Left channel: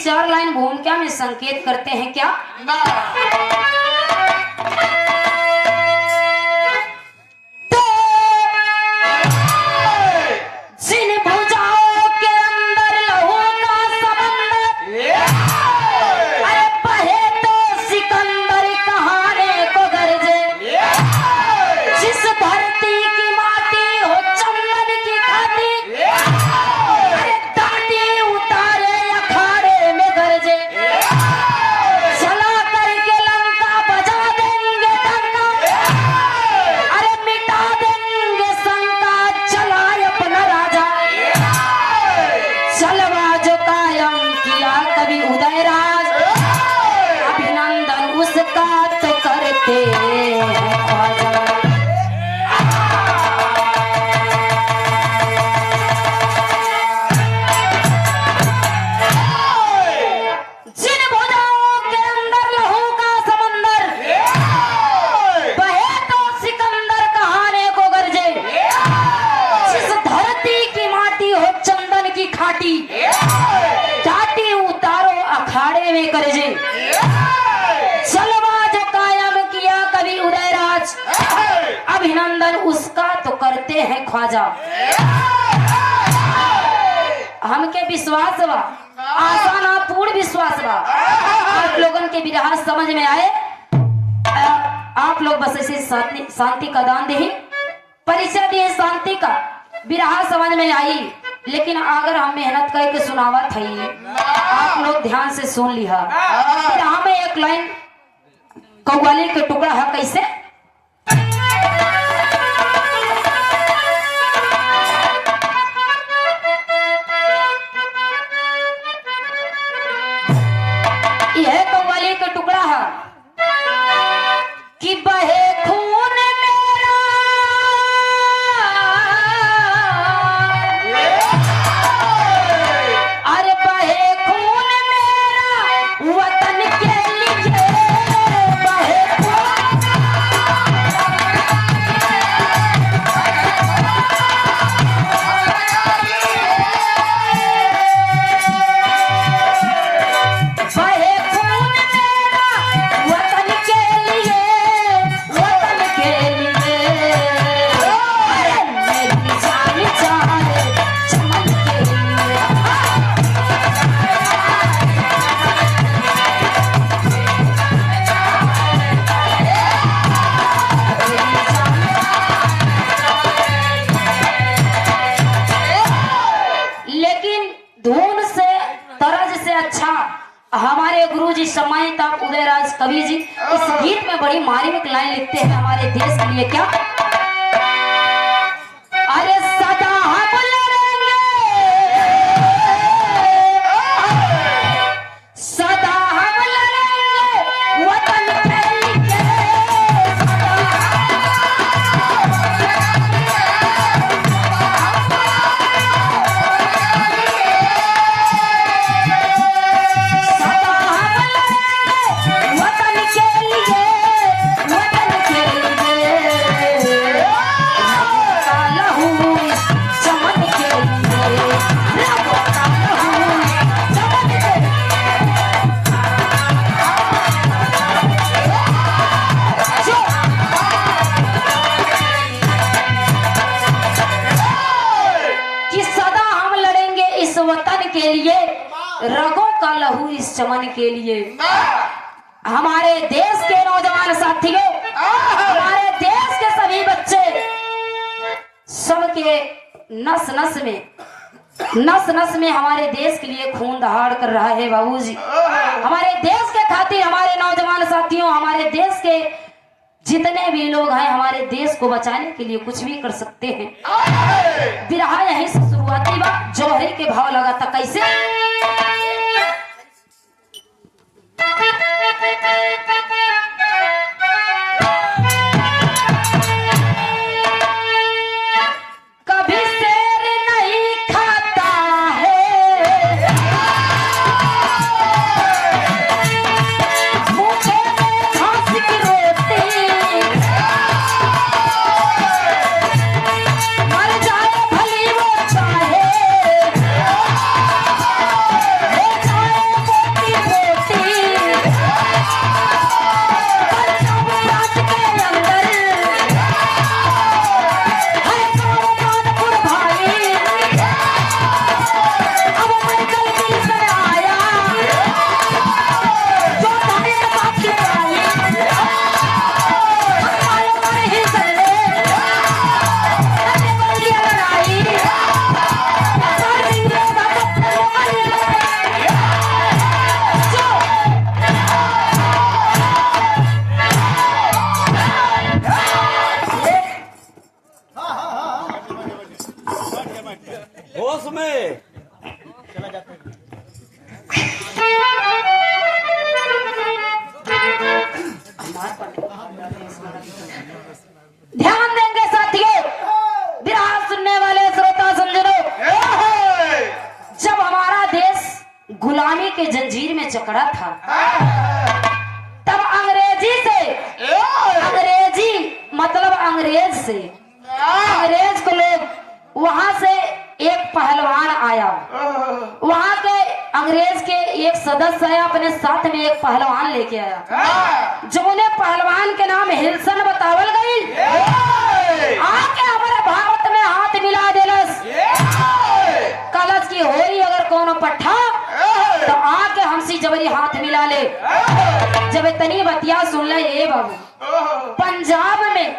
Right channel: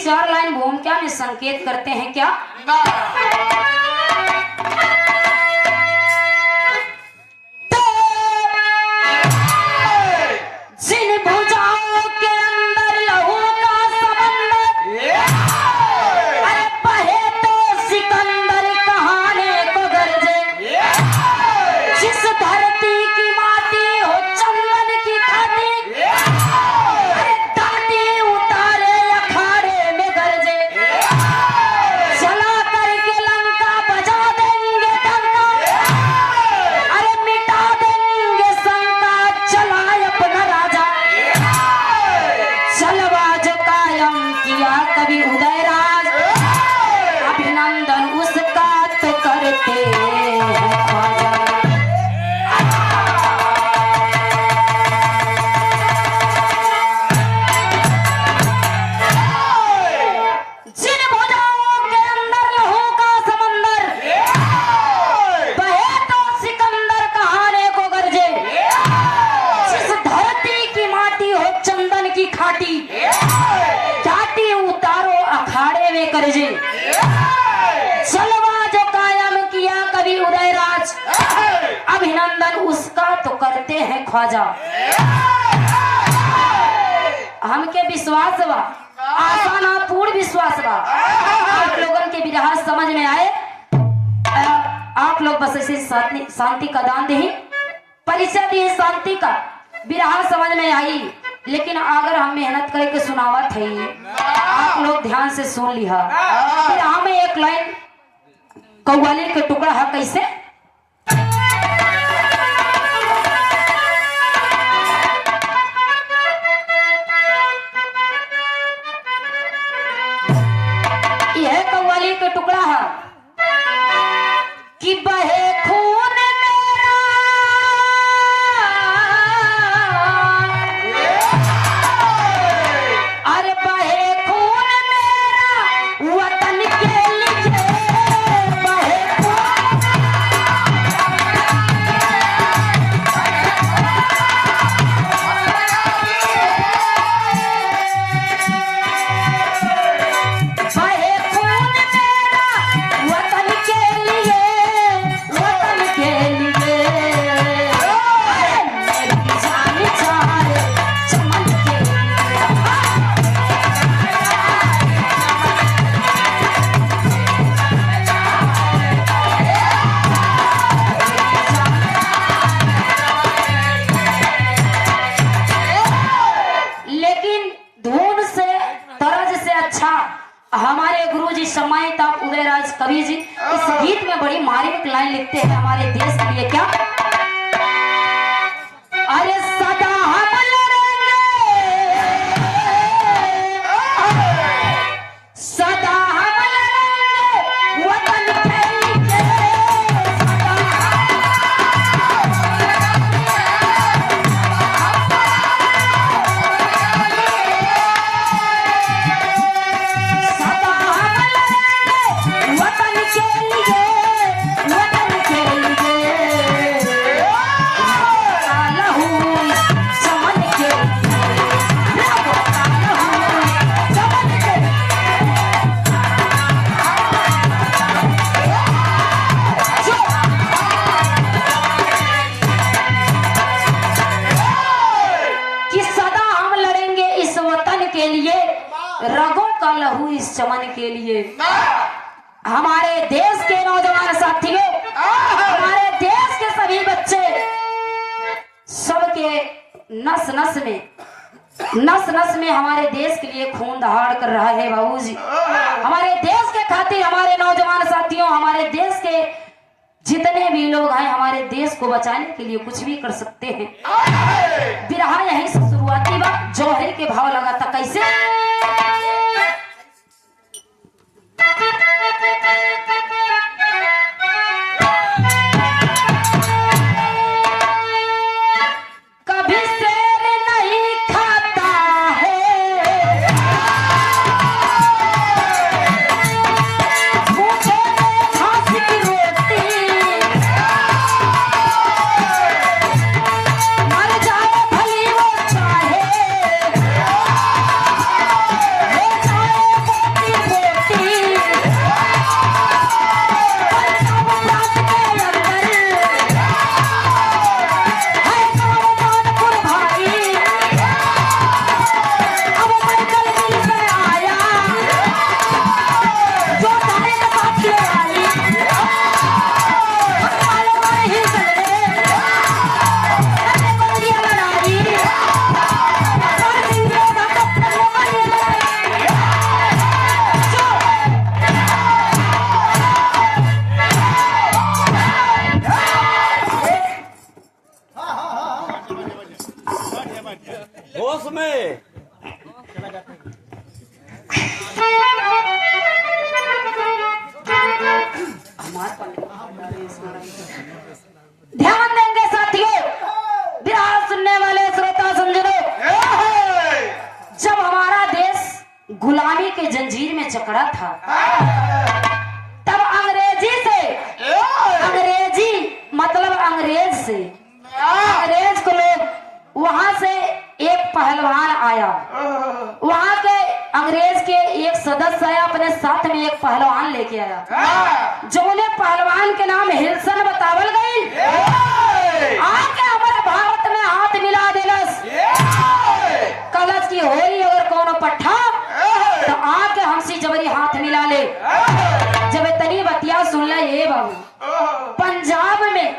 चार लाइन भूमिका में संकेत करते हैं क्या? जिन भुजाओं के अंदर लहू का समंदर बहे तो सिकंदर कहाने को गरजे, जिस धरती की माटी हो चंदन की खाती, दाटी उतारे अखाड़े में गरजे, चला करके लंका बजा देंगे डंका, अरे मिटा देंगे शंका, चला अपना राजा, चलवा जो कायम किया कभी उदयराज, अभिनंदन उसका तो करते हैं ख्वाजा। जिन भुजाओं के अंदर लहू का समंदर बहे तो सिकंदर कहाने को गरजे, जिस धरती की माटी हो चंदन की खाटी, दाटी उतारो अखाड़े में गरजे, चलवा जो कायम किया कभी उदयराज, अभिनंदन उसका तो करते हैं ख्वाजा। हमके विश्वास बा, आसान पूर्ण विश्वास बा, आप लोगन के विरहा समझ में आए। आप लोग बस ऐसे शांति का दान दे, परिचय दिए शांति का, विरहा समझ में आई, लेकिन अगर हम मेहनत करके सुनावत है, आप लोग ध्यान से सुन लिया। विरहा में एक लाइन कव्वाली के टुकड़ा है, कैसे? यह कव्वाली का टुकड़ा है कि बहे खून मेरा, अरे बहे खून मेरा वतन के लिए, बहे कवि जी इस गीत में बड़ी मार्मिक लाइन लिखते हैं हमारे देश के लिए। क्या? अरे सदा हम लड़ेंगे, सदा हम लड़ेंगे वतन के लिए, रगों का लहू इस चमन के लिए। हमारे देश के नौजवान साथियों, हमारे देश के सभी बच्चे, सबके नस नस में हमारे देश के लिए खून दहाड़ कर रहा है बाबूजी। हमारे देश के खातिर हमारे नौजवान साथियों, हमारे देश के जितने भी लोग हैं, हमारे देश को बचाने के लिए कुछ भी कर सकते हैं। बिरहा यहीं से शुरुआती बात जौहरी के भाव लगा था, कैसे? कभी शेर नहीं खाता है, मुझे घास की रोटी, मर जाए भली वो चाहे। में। ध्यान देंगे साथियों, बिरहा सुनने वाले श्रोता समझो, जब हमारा देश गुलामी के जंजीर में जकड़ा था, तब अंग्रेजी मतलब अंग्रेज को लोग वहां से एक पहलवान आया, वहां के अंग्रेज के एक सदस्य आया, अपने साथ में एक पहलवान लेके आया, जो उन्हें पहलवान के नाम हिल्सन बतावल गई। आके हमारे भारत में हाथ मिला देलस, कलश की होली अगर कोनो पट्ठा तो आके हमसी जबरी हाथ मिला ले। जब इतनी बतिया सुन ले ये बाबू, पंजाब में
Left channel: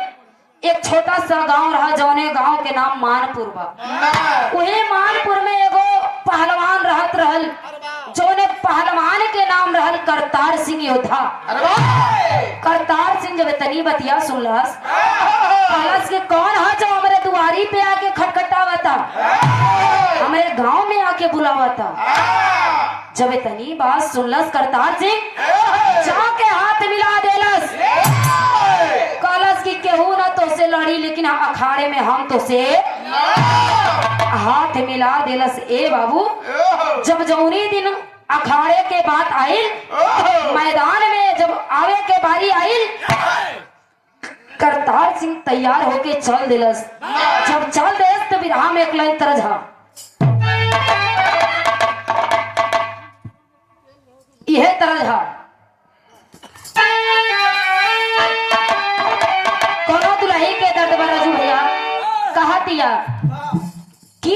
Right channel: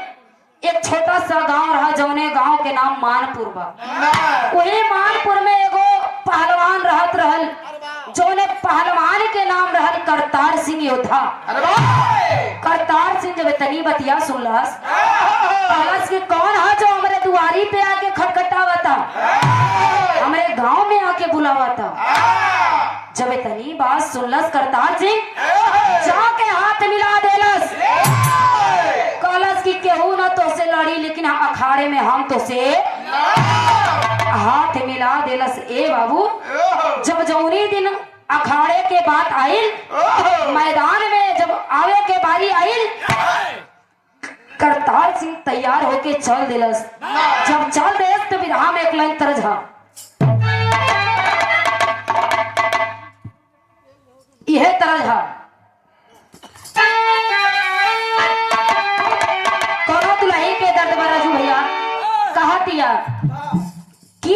एक छोटा सा गांव रहा, जौने गांव के नाम मानपुर बा। वही मानपुर में एगो पहलवान रहत रहल, जौने पहलवान के नाम रहल करतार सिंह योद्धा। करतार सिंह जब इतनी बतिया सुनलस, कहलस कि कौन है जो हमारे दुआरी पे आके खटखटावता, हमारे गांव में आके बुलावता। जब इतनी बात सुनलस करतार सिंह, जाके हाथ मिला देलस, कहलस कि केहू न तो से लड़ी, लेकिन अखाड़े में हम तो से हाथ मिला देलस। ए बाबू, जब जौनी दिन अखाड़े के बात आई, मैदान में जब आवे के बारी आई, करतार सिंह तैयार होके चल देलस। जब चल देस तो बिरहा में एक लाइन तरज हा, यह तरज हा, कौन दुल्ही के दर्द बरा जू भैया कहा दिया कि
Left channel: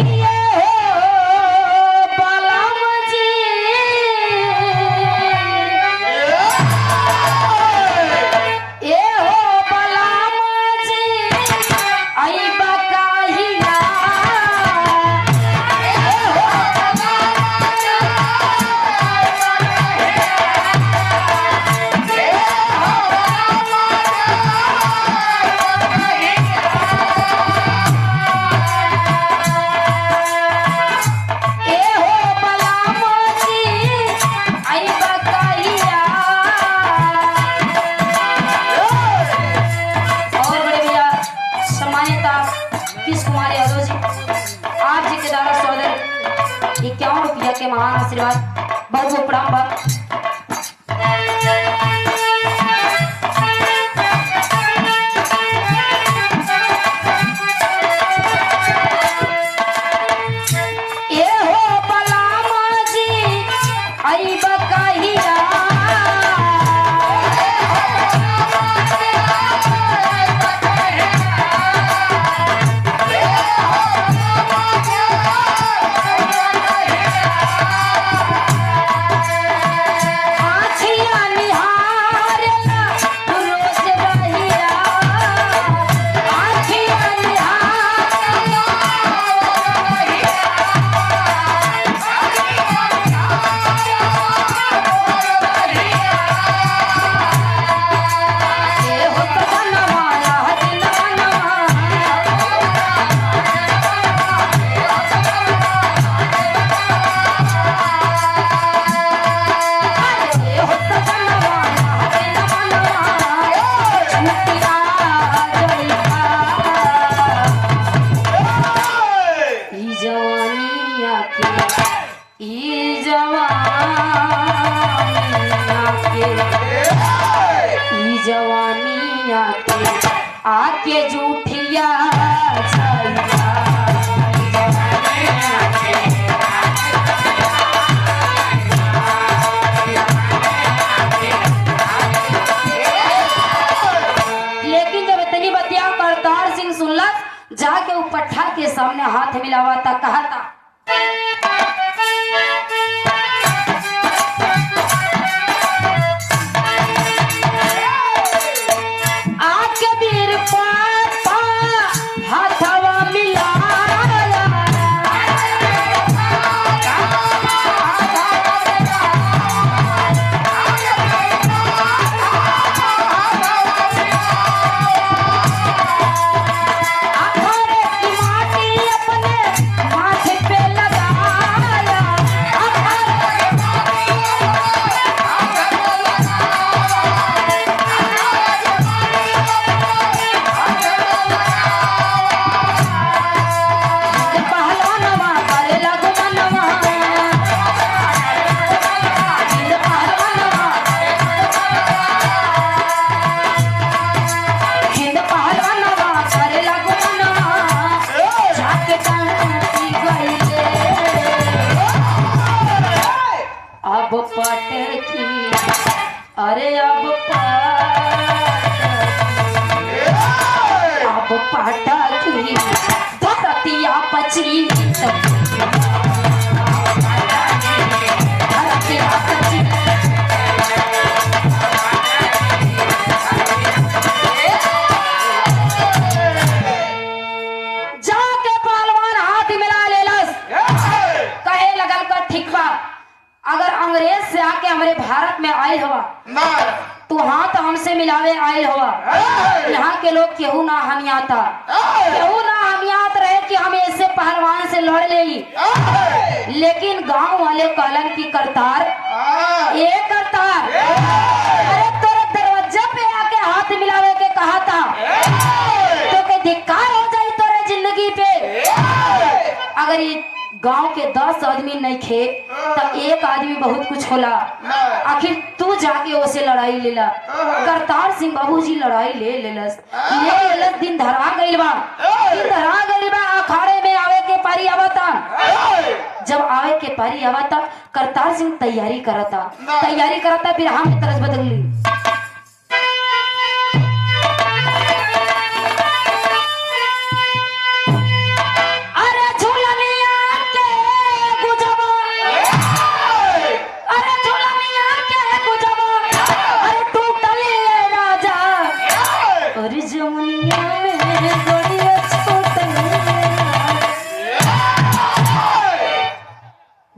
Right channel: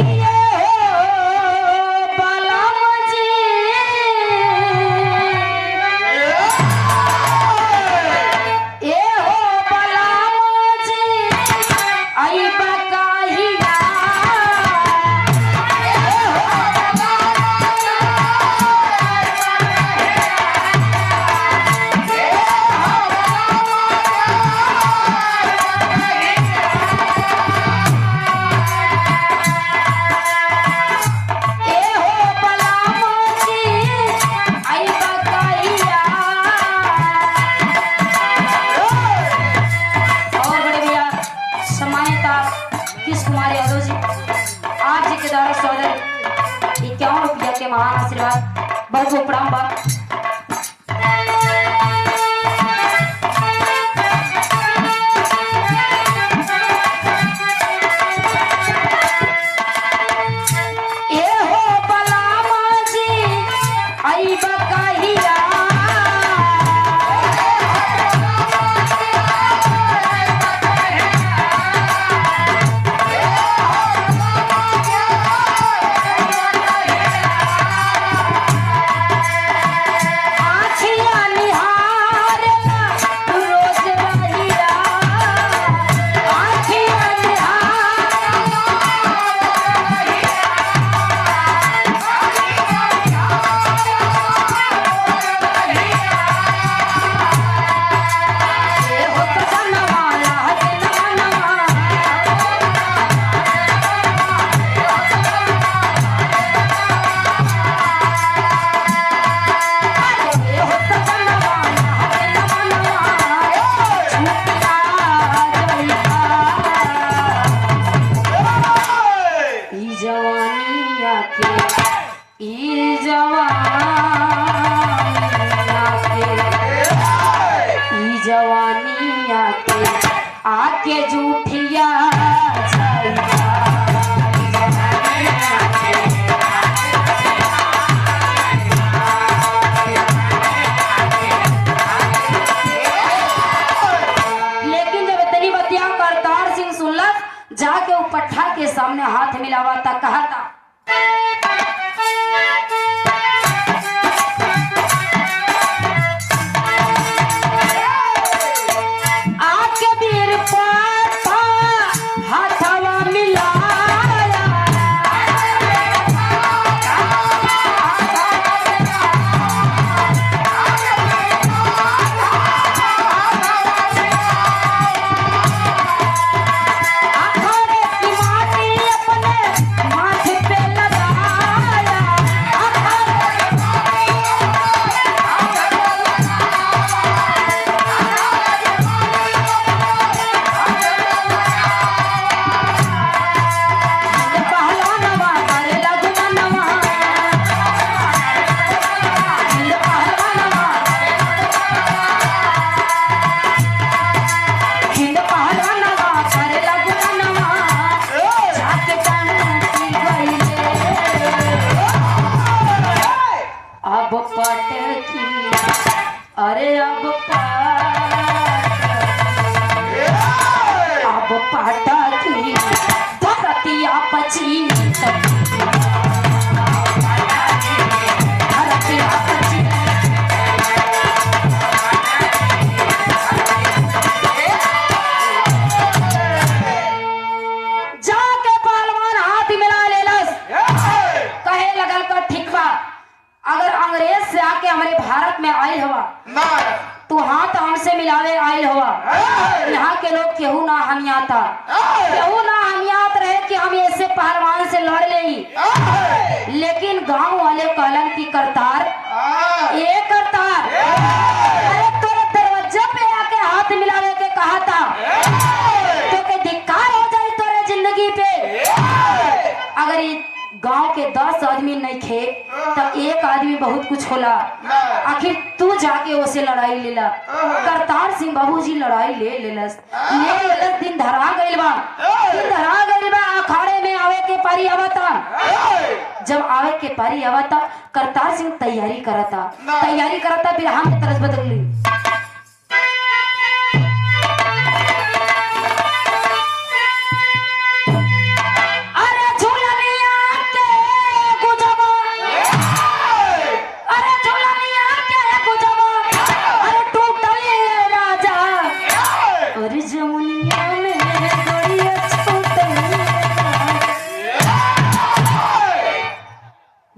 जब पाटकी धरतिया पची जाके पहलवान हाथ मिला लेलस, कहे लगल को ठीक बा, अगर अंग्रेज से आके हमारे भारत में आए हुआ तो हाथ हमसे मिलावे आए हुआ। यहाँ के लोग केहू ना हमियाता, केहू ना हमियात रहे कि हम ऐसे पहलवान से लड़ ले। लेकिन गांव वाले कहलन की करतार ये करतार तेरे दरवाजा पे आके हाथ मिलावे के कहा था तो के धिक्कार हो जाए तेरे जिंदगी पे। अगर ये गांव के 10 आदमी नहीं थे तब एक आदमी बहुत कुछ होला, आखिर तू जाके उसे लड़ाई लेला। करतार सिंह बाबूजी लड़ाई ले लेलस, दिन धरा गइल बा, अखाड़े में आवे के पारी आवता। जब आवे के पारी आवता करतार सिंह तैयारी करता, फिर हम की तरफ बदल ली।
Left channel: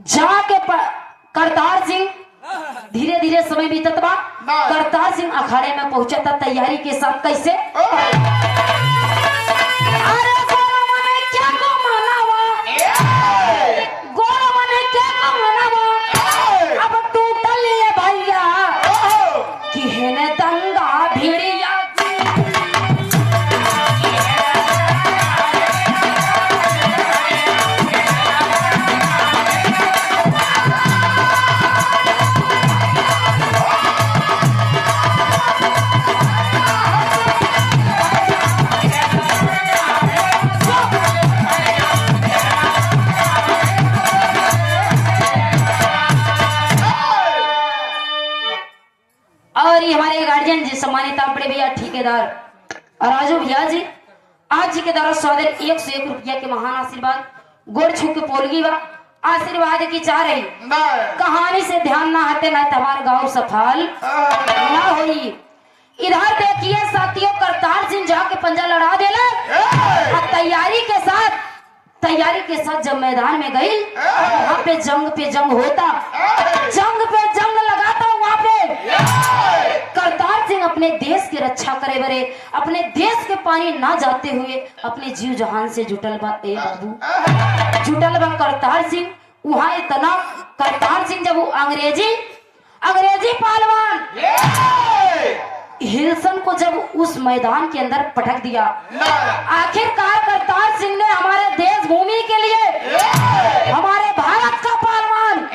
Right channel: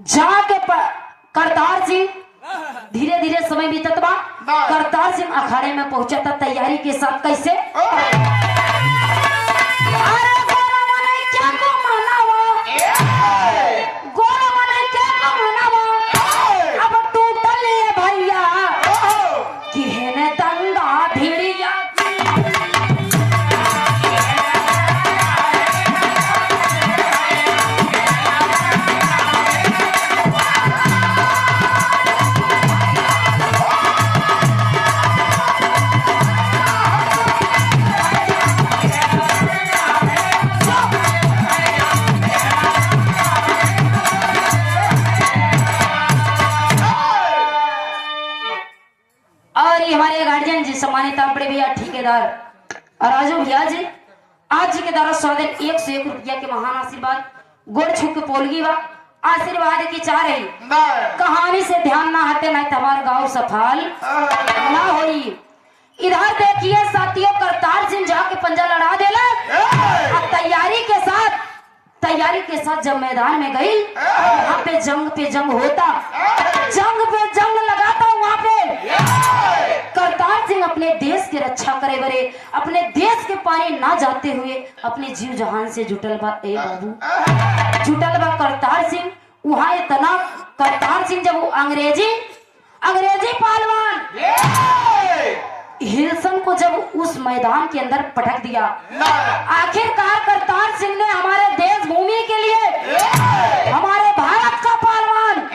जाके करतार सिंह धीरे धीरे समय बीतत बा, करतार सिंह अखाड़े में पहुंचा था तैयारी के साथ। कैसे हमारे गार्जियन जी सम्मानित बड़े भैया ठेकेदार और राजू भैया जी, आज जी के द्वारा स्वागत 101 रुपया के महान आशीर्वाद गोड़ छू के पोलगी बा आशीर्वाद की चाह रही। कहानी से ध्यान ना हटे ना हमारा गाँव सफल ना हुई। इधर देखिए साथियों, करतार सिंह जाके पंजा लड़ा देला। तैयारी के साथ जब मैदान में गई वहाँ पे जंग होता, जंग लगाता। वहाँ पे करतार सिंह अपने देश की रक्षा करे बरे, अपने देश के पानी ना जाते हुए अपने जीव जहान से जुटल बा करतार सिंह। वहाँ इतना करतार सिंह जब वो अंग्रेजी पहलवान हिल्सन को जब उस मैदान के अंदर पटक दिया, आखिरकार करतार सिंह ने हमारे देश भूमि के लिए हमारे भारत का पहलवान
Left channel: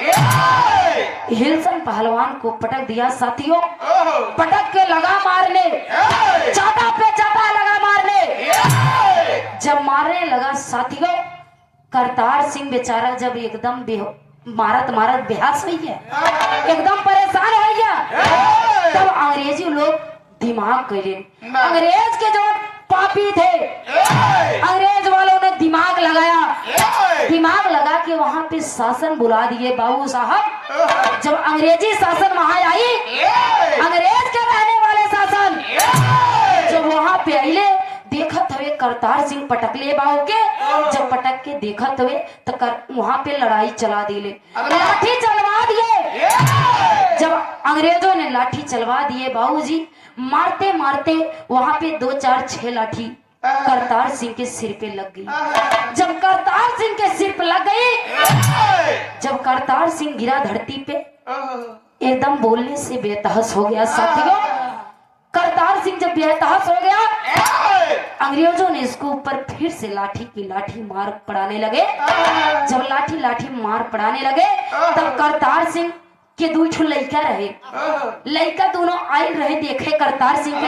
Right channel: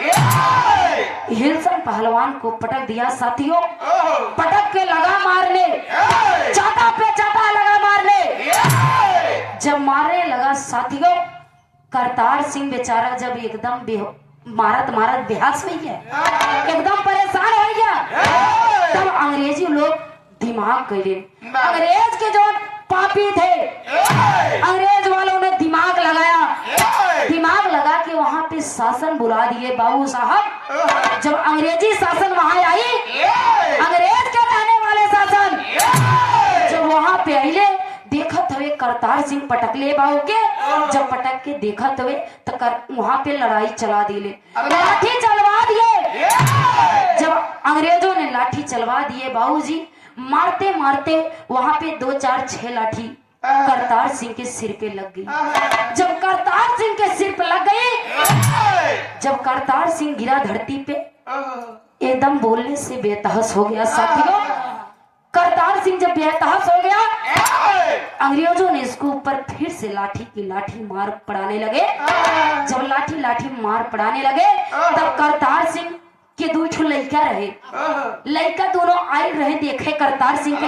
हिल्सन पहलवान को पटक दिया। साथियों, पटक के लगा मारने, चाटा पे चाटा लगा मारने। जब मारने लगा साथियों, करतार सिंह बेचारा जब एकदम मारत बेहास हुई है, एकदम परेशान हो गया। तब अंग्रेजी लोग दिमाग करे, अंग्रेज के जो पापी थे, अंग्रेज वालों ने दिमाग लगा के वहाँ पे शासन बुला दिए। बाबू साहब, जब अंग्रेजी शासन वहाँ आई, अंग्रेज के रहने वाले शासन जब वहाँ पे आइले, देखत हुए करतार सिंह पटकले बाबू के, जब पटक के देखत हुए तो वहाँ पे लड़ाई चला दिले, लाठी चलवा दिए। जब अंग्रेजों ने लाठी चलवा दिए बाबूजी, मारते मारते वहाँ पे 2 4 6 लाठी करतार सिंह के सिर पे लग गई। जब करतार सिंह के सिर पे लग गई, जब करतार सिंह गिरा धरती पे, एकदम बोलने से बेतहस हो गया। साथियों, करतार सिंह जब बेतहस हो गया, अंग्रेजों ने इसको ऊपर फिर से लाठी मार पड़ाने लगे। जब लाठी मार पड़ाने लगे, तब करतार सिंह के 2 लड़का रहे, लड़का दोनों आए रहे देखे करतार सिंह की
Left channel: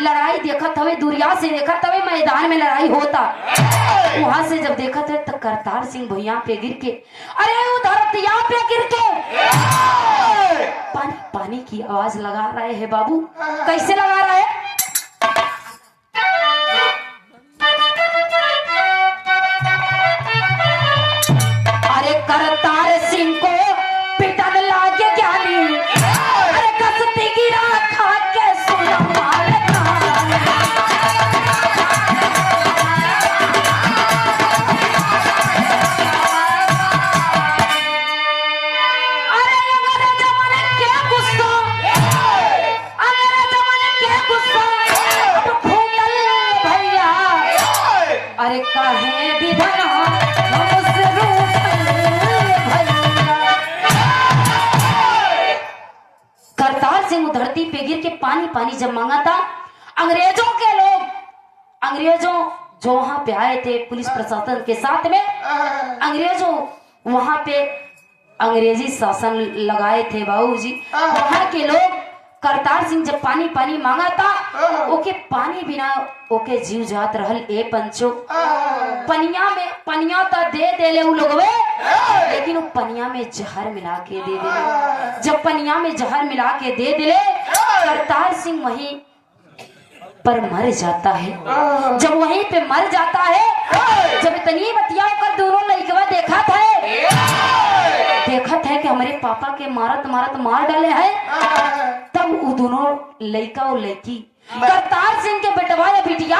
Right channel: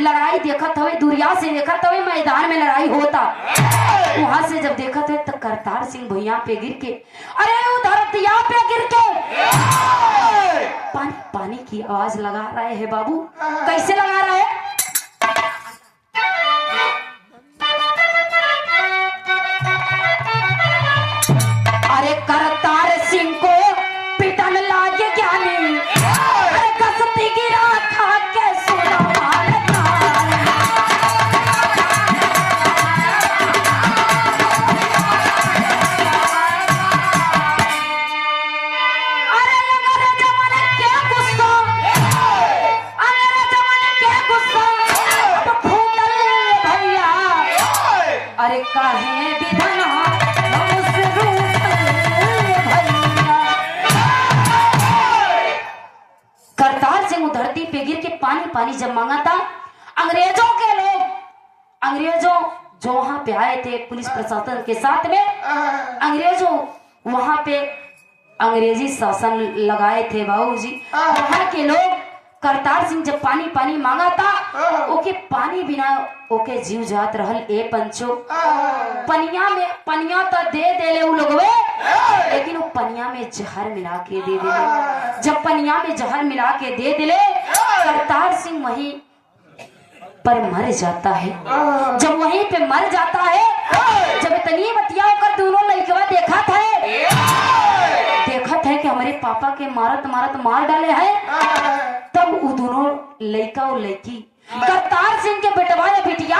लड़ाई देखत हुए, दूरिया से देखत हुए मैदान में लड़ाई होता। वहां से जब देखत हुए तो करतार सिंह भुइया पे गिर के, अरे धरतिया पे गिर के पानी की आवाज लगा रहे हैं। बाबू कैसे लगा रहे हैं? अरे काहे विधना हमसे करतार सिंह धरती पे गिर के पानी पानी जब मांगा था, अंग्रेजों के लोग, अंग्रेजों जो वहां पे आए थे पुलिस प्रशासन के साथ में, अंग्रेजों वहां पे अंग्रेजी शासन लगाए थे बाबूजी। वहां के लोग करतार सिंह जब पानी पानी मांगा था, ओके पानी बिना ओके जीव जात रहल ए पंचो। पनिया में पनिया तो दे देले उ लोग वे, लेकिन वो पनिया में जहर मिला के दे देले। जब पनिया में जहर मिला के दे दिले, करतार सिंह वहीं पर मर जाता है। जब वहीं पे मर जाता है, जब इतनी बतिया कर दोनों लड़कवा देखा था कि हमारे पापा के मारत मारत मार डाले हैं, तब वो दोनों लड़का और लड़की करतार सिंह के बेटवा या बिटिया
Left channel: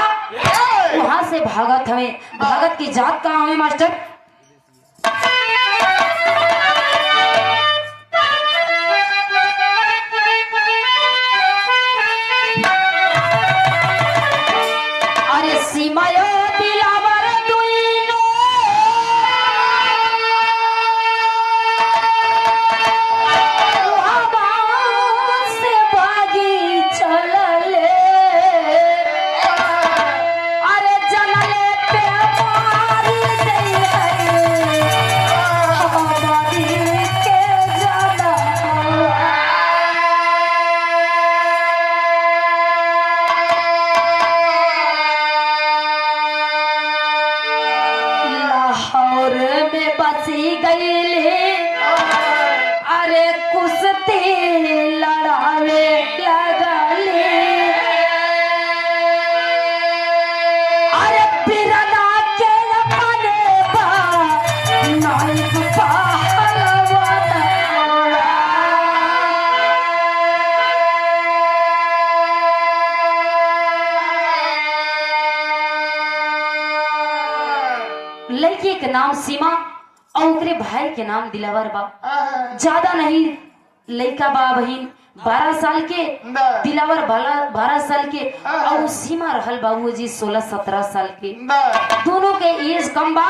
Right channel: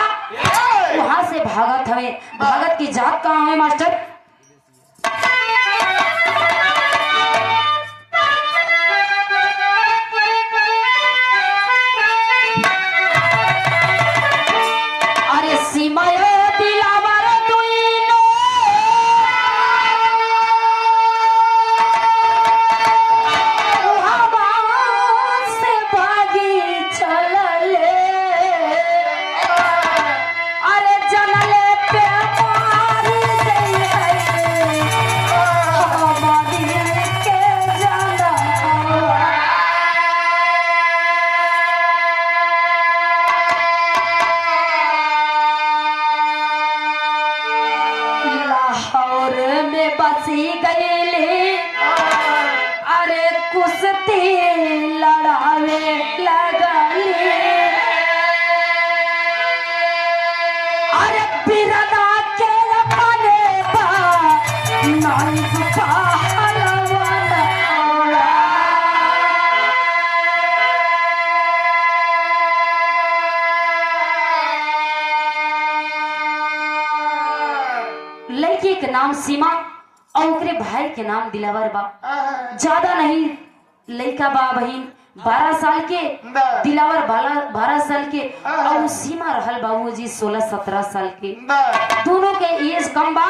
वहां से भागत हमें। भागत की जात कहाँ है मास्टर? अरे सीमा दिलावर से भागी चलले, अरे जनले पे मारी के जाना। लाहौर में बसी गई, अरे कुश्ती लड़ावे लगली, अरे बिरना के बने नाइक लड़की के नाम सीमा और उनके भाई के नाम दिलावर बा। ज्यादा नहीं, लड़का बा बहन 12 साल के, दिलावर 12 साल के, और सीमा रहल बाबूजी 16-17 साल के। दोनों के एज कम बा।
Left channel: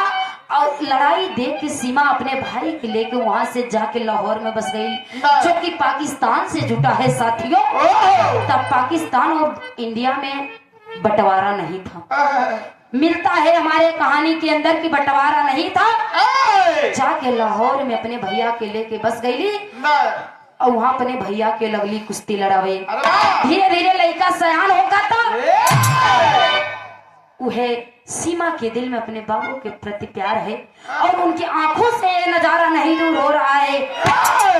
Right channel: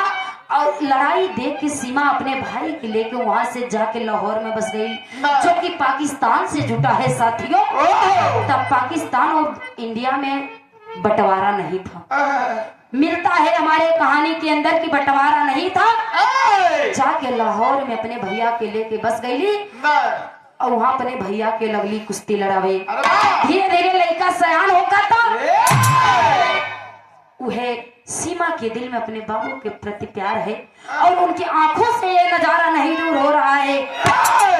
और लड़ाई देख के सीमा अपने भाई के लेके वहां से जाके लाहौर में बस गई, जबकि पाकिस्तान से जुटा है साथियों। तब पाकिस्तान और इंडिया में बंटवारा नहीं था। मिलता है हमारे कहानी के अंदर की बंटवारा नहीं था। जाके लाहौर में अपने भैया के लेके बस गई और वहां अपने भैया के लगली कुश्ती लड़ावे। धीरे धीरे लड़का सयान होगा था। वह सीमा के दिल में अपने बाबू के प्रति प्यार है और उनकी आंखों से ये नजारा नहीं दूर हो रहा है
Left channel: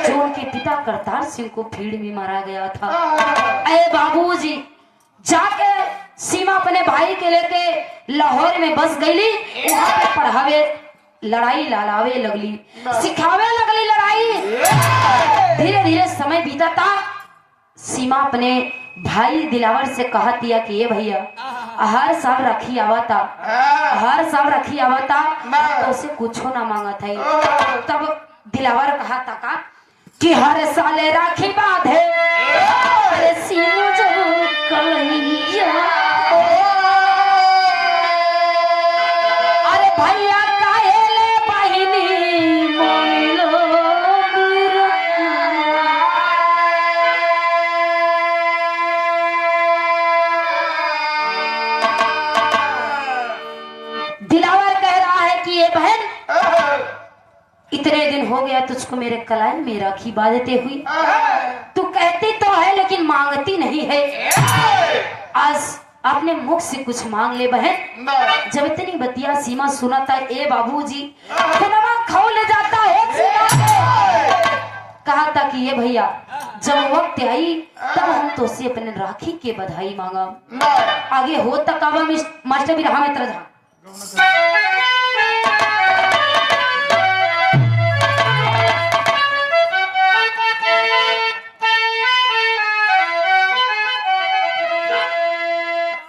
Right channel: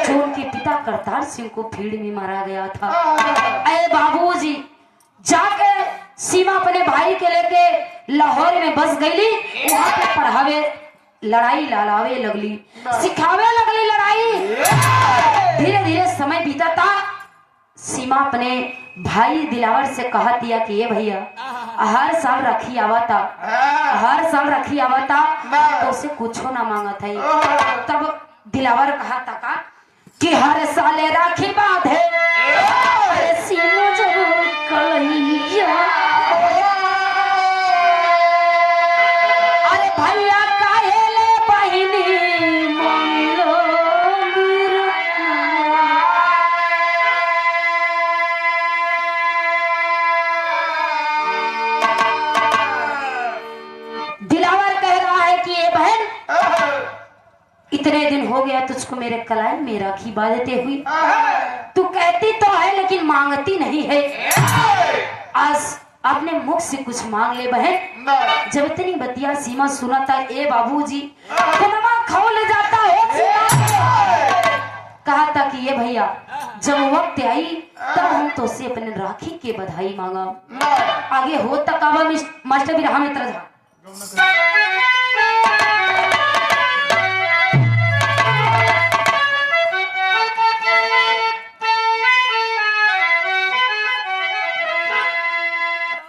जो उनके पिता करतार सिंह को भीड़ में मारा गया था। अरे बाबूजी, जाके सीमा अपने भाई के लेके लाहौर में बस गई। वहां पे पढ़ावे, लड़ाई लालावे लगली, सिखावे लगली लड़ाई। धीरे धीरे समय बीता था। सीमा अपने भाई दिलावर से कहा दिया कि ये भैया हर साल रखी आवा था, हर साल रखी आवा था, तो उसे कुछ ना मांगा था। तब दिलावर कहा था का कि हर साल राखी बांधे, अरे सीमा जब कहिया, अरे भैया काहेले बहिनी मोलो दिलावर कह रहा है कि ये बहन, इतने दिन हो गया तुझको मेरे कलाई में राखी बांधते हुई, तू कहती तो है लेकिन मांगती नहीं है। आज अपने मुख से कुछ मांग ले बहन। जब इतनी बतिया सीमा सुना था, ए बाबूजी खोल जाता है। कहा था कि ये भैया जब वक्त आई तब हम तो से अपने राखी के बधाई मांगा। आगे हो तक मास्टर भी रहा में तरह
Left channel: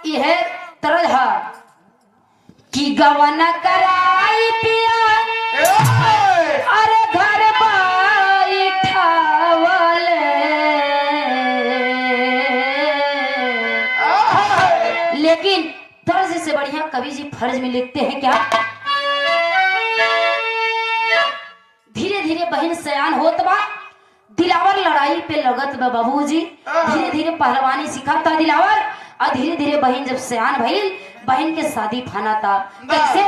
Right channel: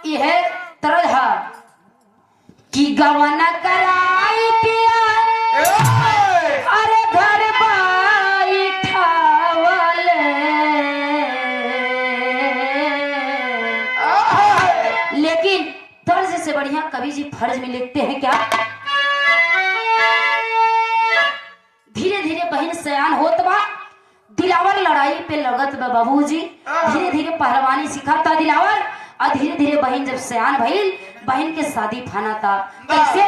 यह तरह कि गवाना कराई पिया, अरे घर बाई ठावले, लेकिन तर्ज से बढ़िया कवि जी फर्ज में लिखते हैं क्या, धीरे धीरे बहन सयान होत बा, दिलावर लड़ाई पे लगत बा बाबूजी, धीरे धीरे पहलवानी सिखाता दिलावर, और धीरे धीरे बहन जब सयान भइल, बहन के शादी फाना था। कैसे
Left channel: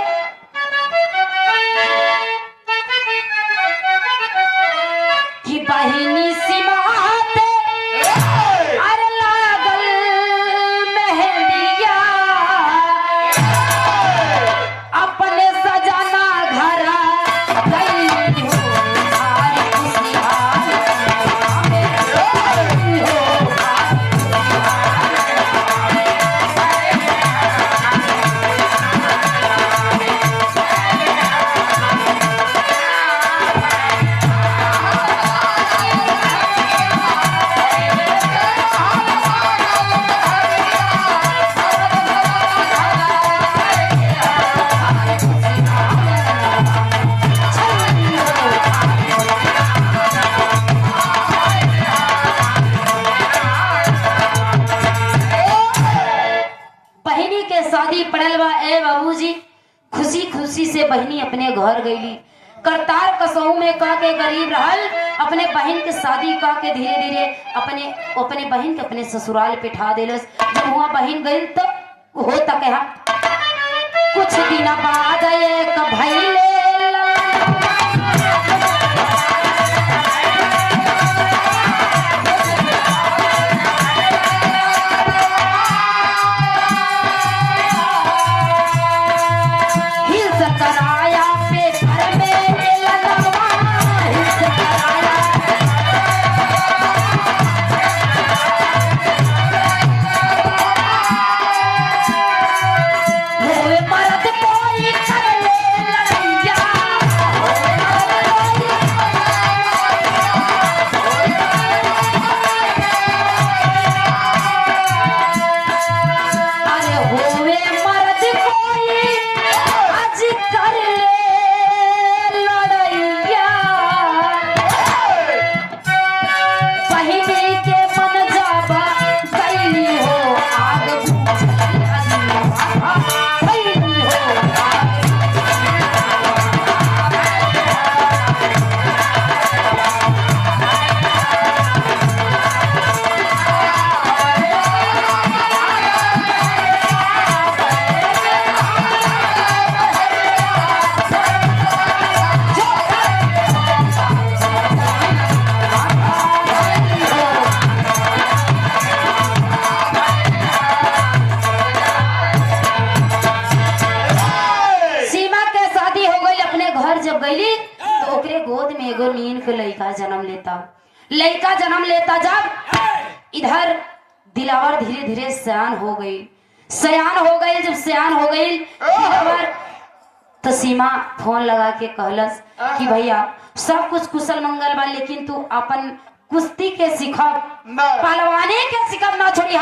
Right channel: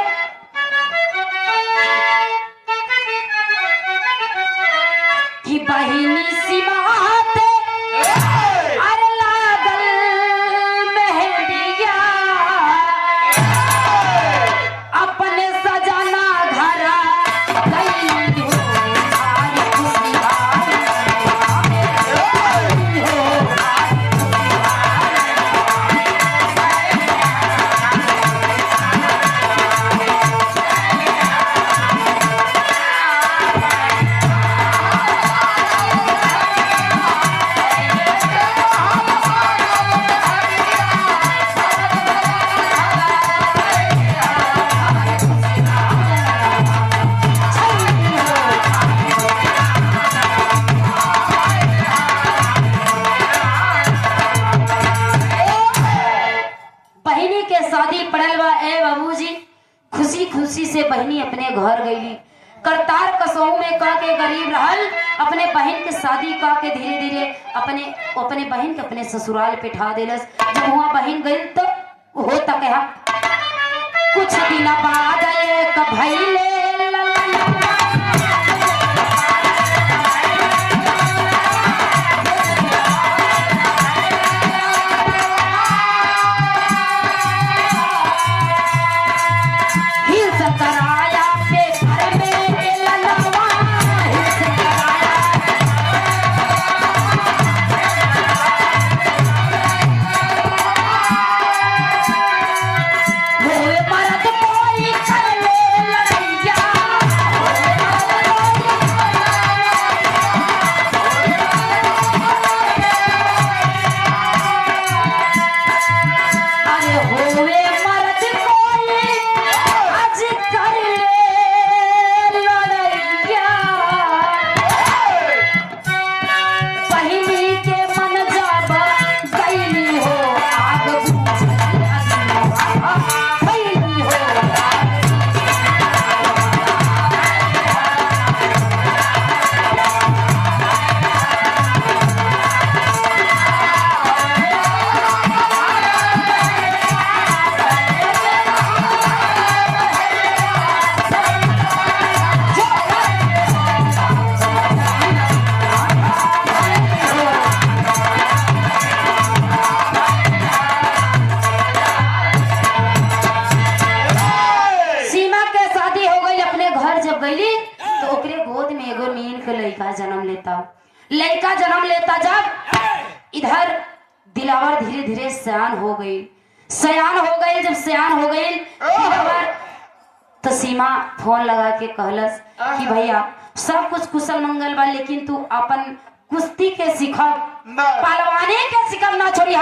कि बहिनी सीमा से बहनी अपने घर गईली, करतार कसऊ में का के गरीब रहल, अपने बहन के शादी का के धीरे धीरे अपने बहन के अपने ससुराल पे ठा देलस। जब वहाँ बहन गई तो हो तक कुछ दिन बाद एक भइले लड़का जन्म लेता। जब इधर दिलावर धीरे धीरे सयान हो गई, जब सयान हो गई तो सीमा फोन लगा के कहलस कि भैया सब कुछ कुशल मंगल बा, लेकिन तू अपन कुश्ती के सिखब, पहलवानी के सिखब ना छोड़ी।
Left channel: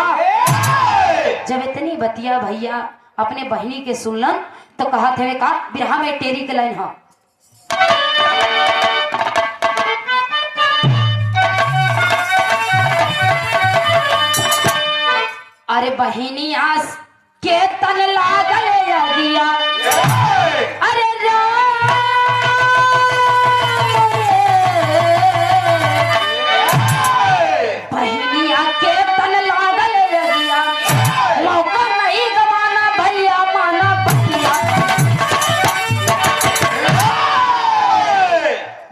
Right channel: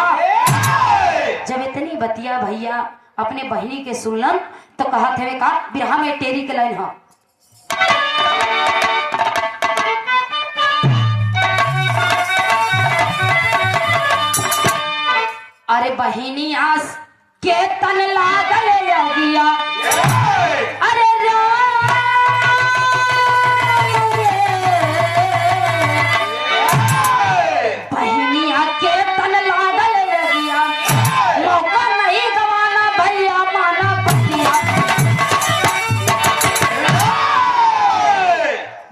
जब इतनी बतिया भैया अपने बहनी के सुनलन तो कहा थे का बिरहा में टेरी के लाइन हो, अरे बहिनी आस के तन लागल अगिया, अरे बहिनिया के तन लागल अगिया, मौका नहीं गवाना भैया माना बतिया।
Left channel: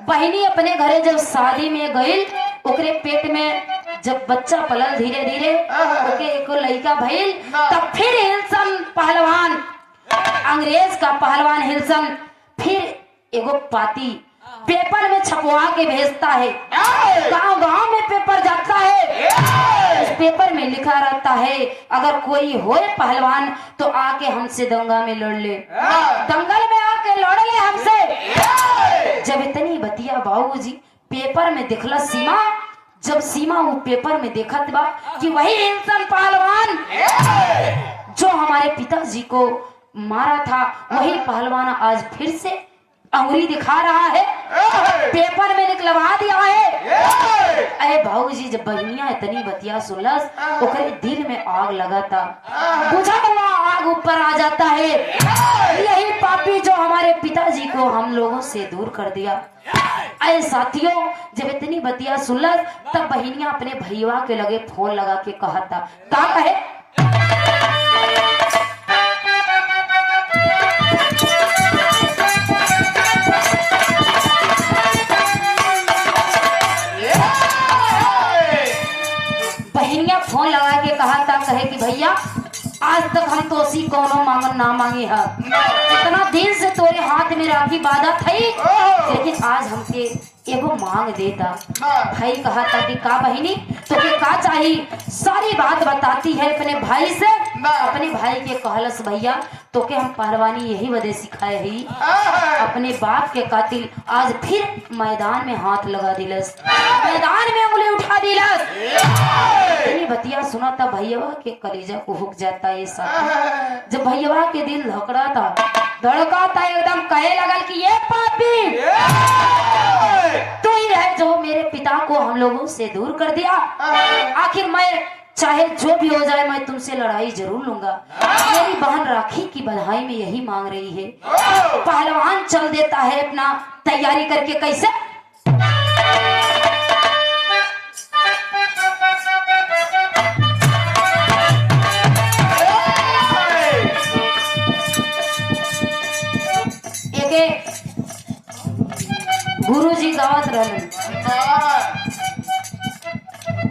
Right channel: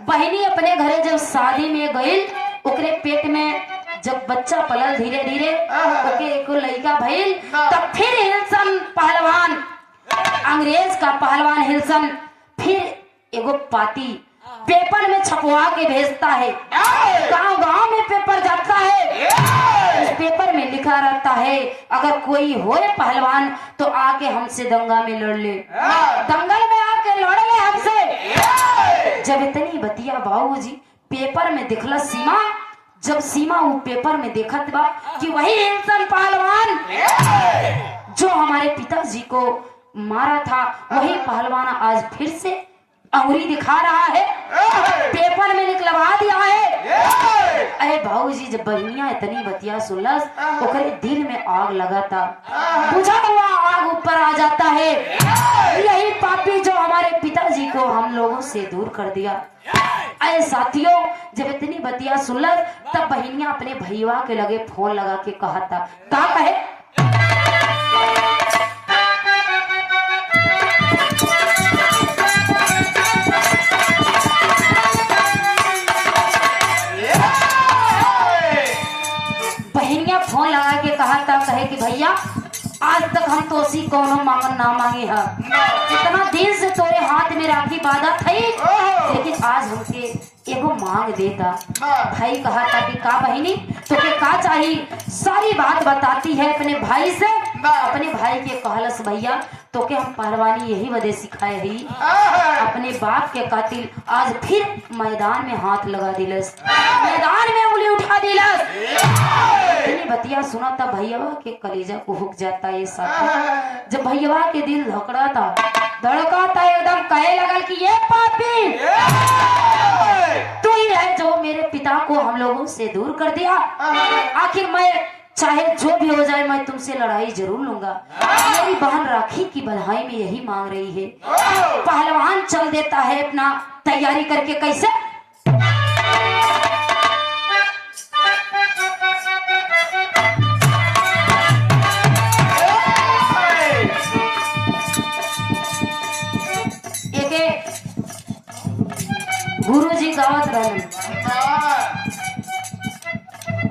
बहिनी अपने घरे जब शादी में गई, ओकरे पेट में जब बच्चा पलल धीरे धीरे ओके एको लड़का भइल, तब फिर हिलसन पहलवान, अंग्रेज का पहलवान हिलसन फिर एगो पाती पेपर में छपवा के भेजता है। गांव गांव में पेपर जाता है, उस पेपर में लिखा रहता है अगर कोई होए पहलवान तो आके हमसे दंगा में लड़ ले, दंगल में आके लड़ ले हमसे। जब इतनी बतिया बाबूजी पेपर में दिखला सीमा, जब सीमा वो पेपर में देखत बा कि वही इंसान पहलवान जो हमारे पिताजी को मारा था, वही पहलवान आज फिर से अंगुरी दिखा रहा है, पेपर में निकलवा दिया है। अरे भाऊजी जब बहनिया इतनी बतिया सुनलस, ओकरे दिल में आग लगा था, बुझा हुआ आग आग ऊपर आ जाता है। यही पापी जो हमारे पिताजी को हम लोगों से दूर कर दिया। अरे साथियों, जब इतनी बतिया सुनलक तब बहनियां अपने भैया के लगे फोन लगा के कहा था, क्या कहे? बहनियां फोन लगा के कहा था, कहे कि भैया आज तक हम तो उसी कोनो मांगन ना मांगे है। इतना दिन से तोरे हाथ में राखी बाधा थी, लेकिन आज हमके एगो मांग देता। भाई कहा था कि का बहिनी तो के का चाहिए? सारी बात बताती है अपने भाई से। अपने भाई के कहलस, भैया तो के हम पहलवानी यही वजह सिखाए ही। अपने बाप के कातिल आज फिर मैदान में हाथ लगा दिलस, मैदान में उंगली उठा दिलस। बतिया सुना था भैया के कलेजा को हुक जाता है। साथ जब भैया के दिल धड़का था, एकदम कहे लगल कि ये पापी तू ही है जो मेरे पिता को हम लोगों से दूर कर दिया। आखिर मैं चाहे जो भी हो जाए मैं तुमसे लड़ाई जरूर लूंगा। मेरी बहन राखी की बधाई में यही मांग रही है। पहलवान चल देता है अपना तैयारी करके। कैसे? गुरुजी गावत रहन,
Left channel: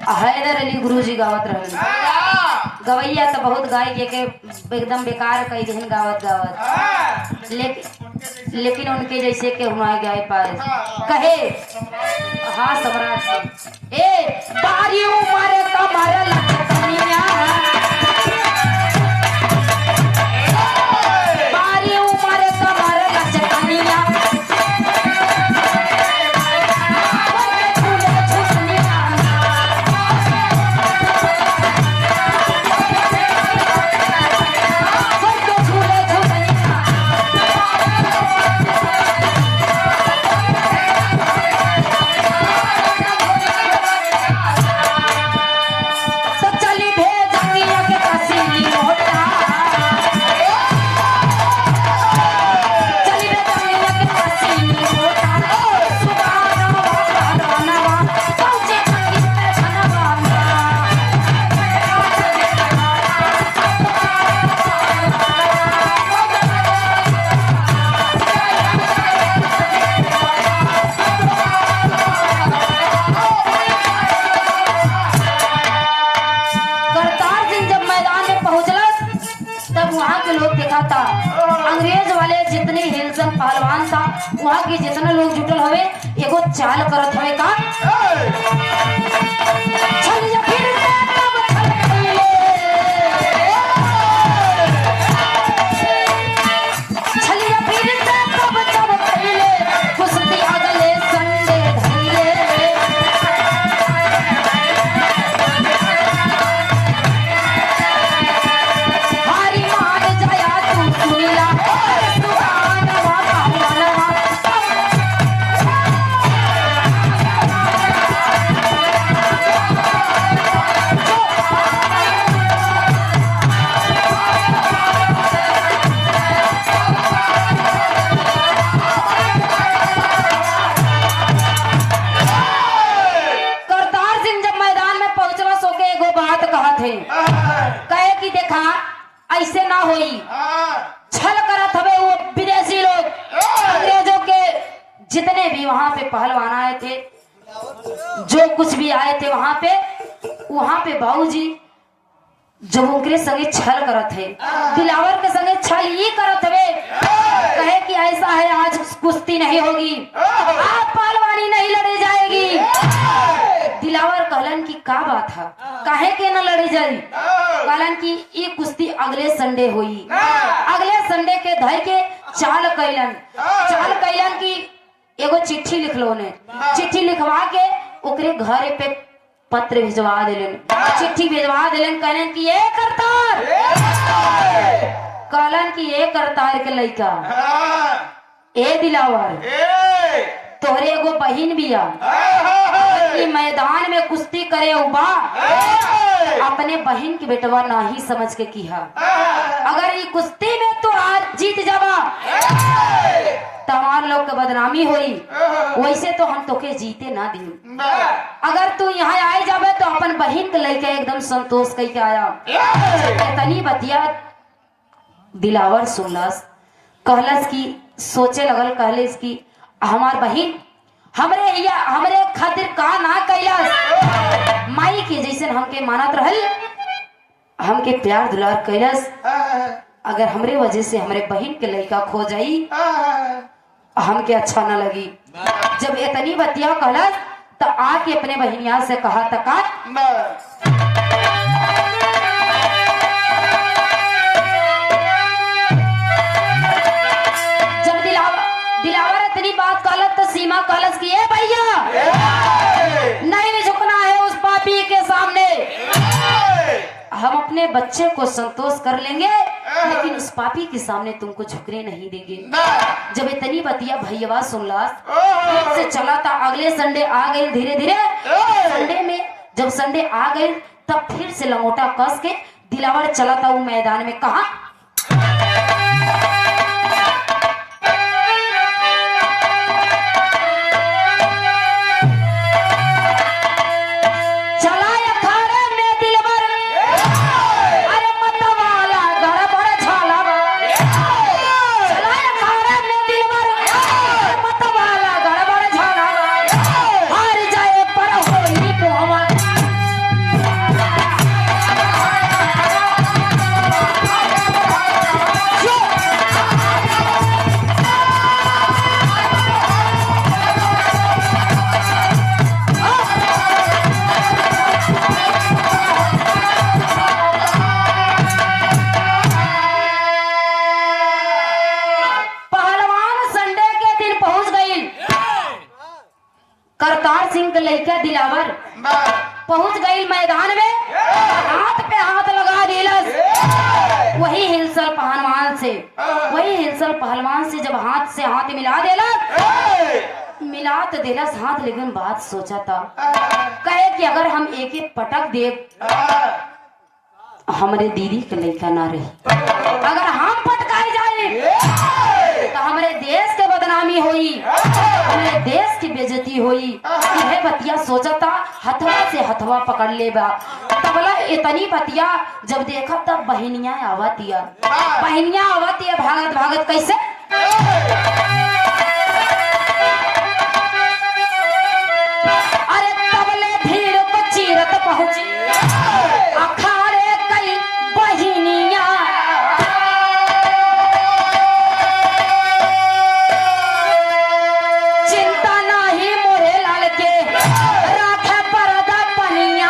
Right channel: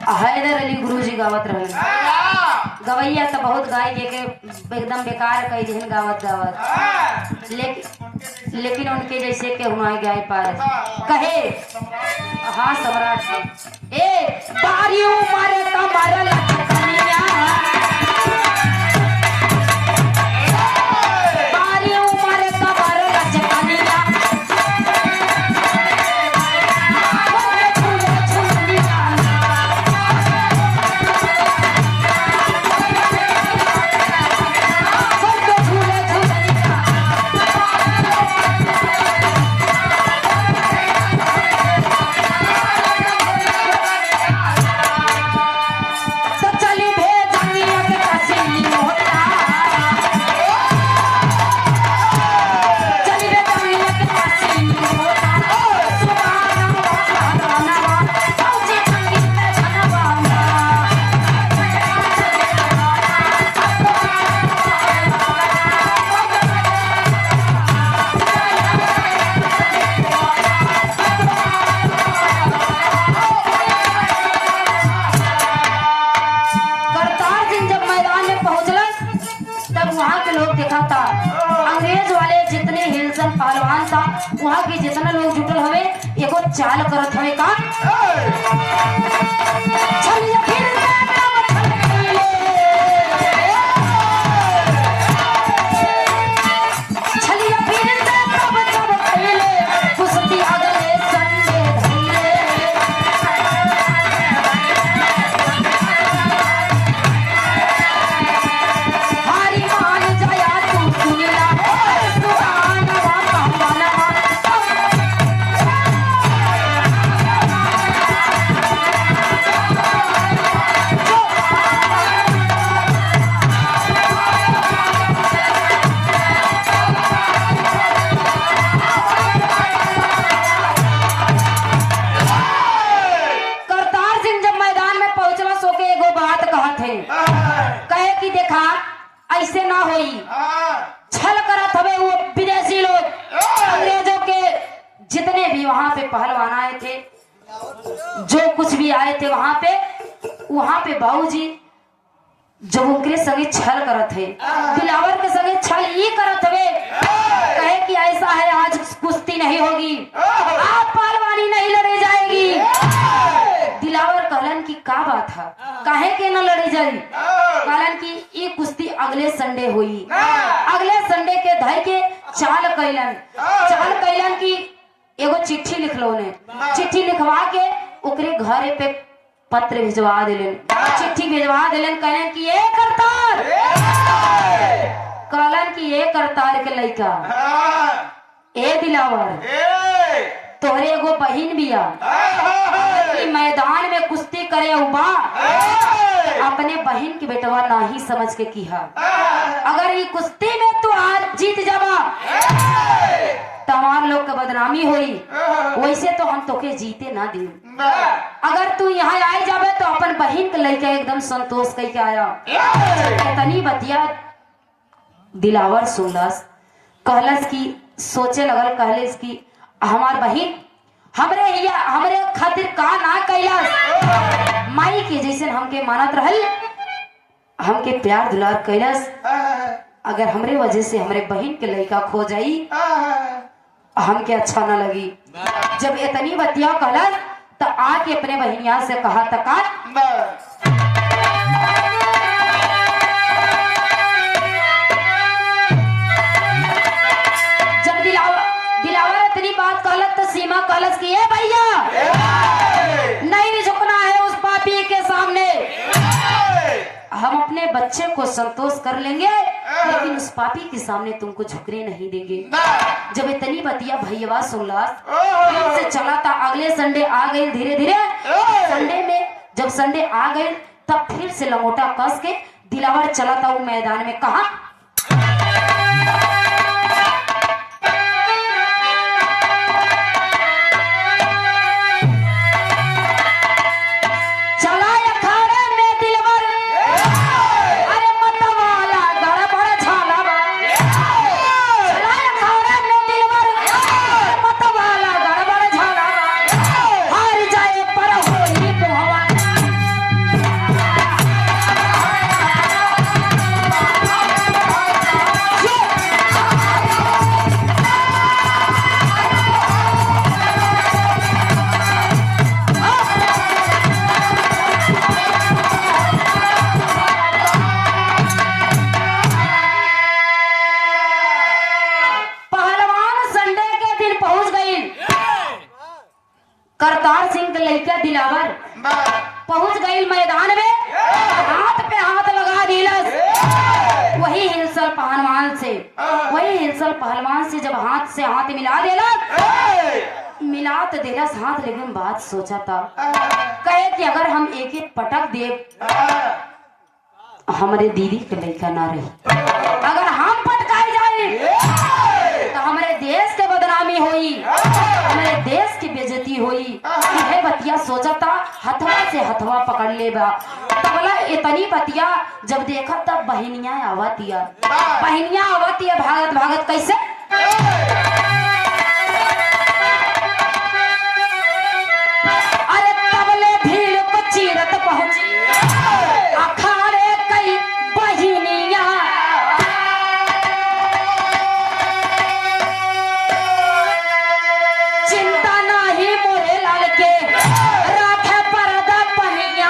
हैदर अली गुरुजी गावत रहन। गवैया तो बहुत गाय के एकदम बेकार कई दिन गावत गावत, लेकिन उनके जैसे के हुआ गाय पाए। कहे हाँ सम्राट, ए बारियों मारे तो मारे वहाँ के जितना लोग जुटल हवे एगो चाल करत हवे का कहे कि देखा ऐसे ना होई, छल करत हवे वो विदेशी लोग। अंग्रेजों के जितने भी वहाँ पे पहलवान आए थे, जो कुछ भी आए थे वहाँ पे बाबूजी जो उनके संगे छल करत है, दिलावर के संगे छल ही करत हवे। कहे कि ऐसा है आज कुश्ती नहीं होगी, आज पहलवानी नहीं लड़ी जाएगी। दिलावर कहलन की का बात है, काहे के न लड़ी जाई? कहलन की ये कुश्ती अगले संडे हुई। अगले संडे के धर के चाल कैलन की एगो चिट्ठी लिखलो ने, चिट्ठी लिखवा के ओकरे घरे पे पत्र भिजवा दिलन, चिट्ठी भिजवा दिलन। कहलन की ये करतार, कहलन की ये करतार के लइका ए दिलावर तोहरे एगो बहिन बिया, मैदान में कुश्ती करे उबा अपने बहन की बेटवा ना ही समझ के किया। अगर ये कुश्ती में तू आज जीत जावा तो हमार लोग के बदनामी हुई, वैसे तो हम तोके जीते ना दी। अगर तू यहाँ आए जावे तो अपन बहन के लेके एकदम संतोष कह के आया। इतनी बतिया दिलावर सुनलस, कहलस की सोचे लगल, कहलस की हमार बहन हमरे खातिर का ना कैलस, माई के जैसे हमके मानत रहल, हमके प्यार दुलार कैलस। अगर हमरे वजह से हमरे बहन के लड़का खो जाई हमके अच्छा ना लगी। जब इतनी बतिया कहलस तो आके अपने बहनिया से कहा तका दिलावर इतनी बात कहलत तो सीमा कहलस की ए भैया नहीं झुकना है उस पापी के सामने, हम अपने बच्चे को संतोष कर लेंगे लेकिन उस पापी के सामने तुमको झुकने नहीं देंगे। जब इतनी बतिया भैया सुनला से चला था। अगले संडे आ गई, धीरे धीरे संडे में जब संडे आ गई तब फिर से लंगोटा कस के दिलावर चला था वो मैदान में। कहा करतार सिंह के लड़का दिलावर पहुंच गई मैदान में, हाथ पे हाथ लगा दिलस। वही हिलसल पहलवान से जब हाथ से हाथ मिला मिला तो दिलस हाथ, लेकिन बात सोचा था कहे कि अगर हम एक एक पटक दे हमारे दीदी के लड़का ना रही, अगर हम पटकाए जाए तो हमारे देश के बदनामी हुई, हमारे देश की बेइज्जती हुई। यह बतिया सोचा था, हथवा से हथवा पकड़ लेगा। तबला इतनी बतिया जब देखा तब बहनिया आवतिया भागत भागत कैसे अरे तबले भीड़ को चीरत पहुंची अखाड़े कई बहनिया, चिंता नहीं मोरे लाल के राखे परदा पनिया।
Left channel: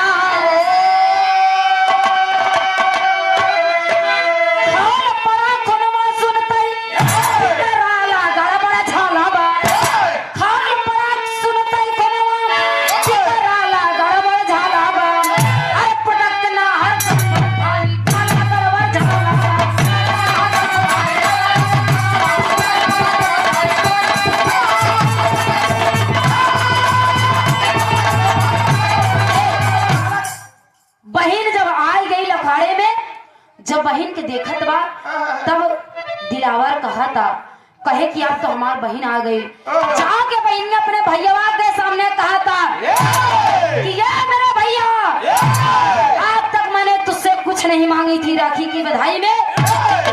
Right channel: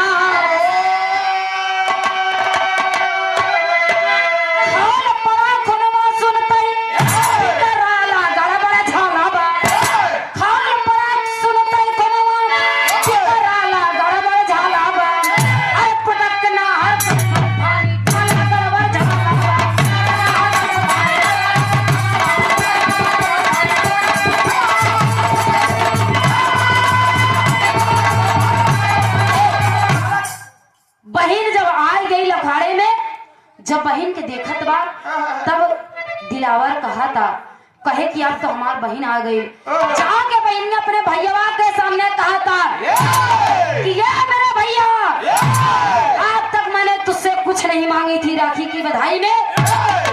बहन जब आ गई अखाड़े में, जब बहन के देखत बा तब दिलावर कहा था कहे कि अब तो हमार बहन आ गई। जाके बहन ने अपने भैया के सामने कहा था कि ये मेरा भैया, आज तक मैंने तुझसे कुछ नहीं मांगी थी राखी की बधाई में,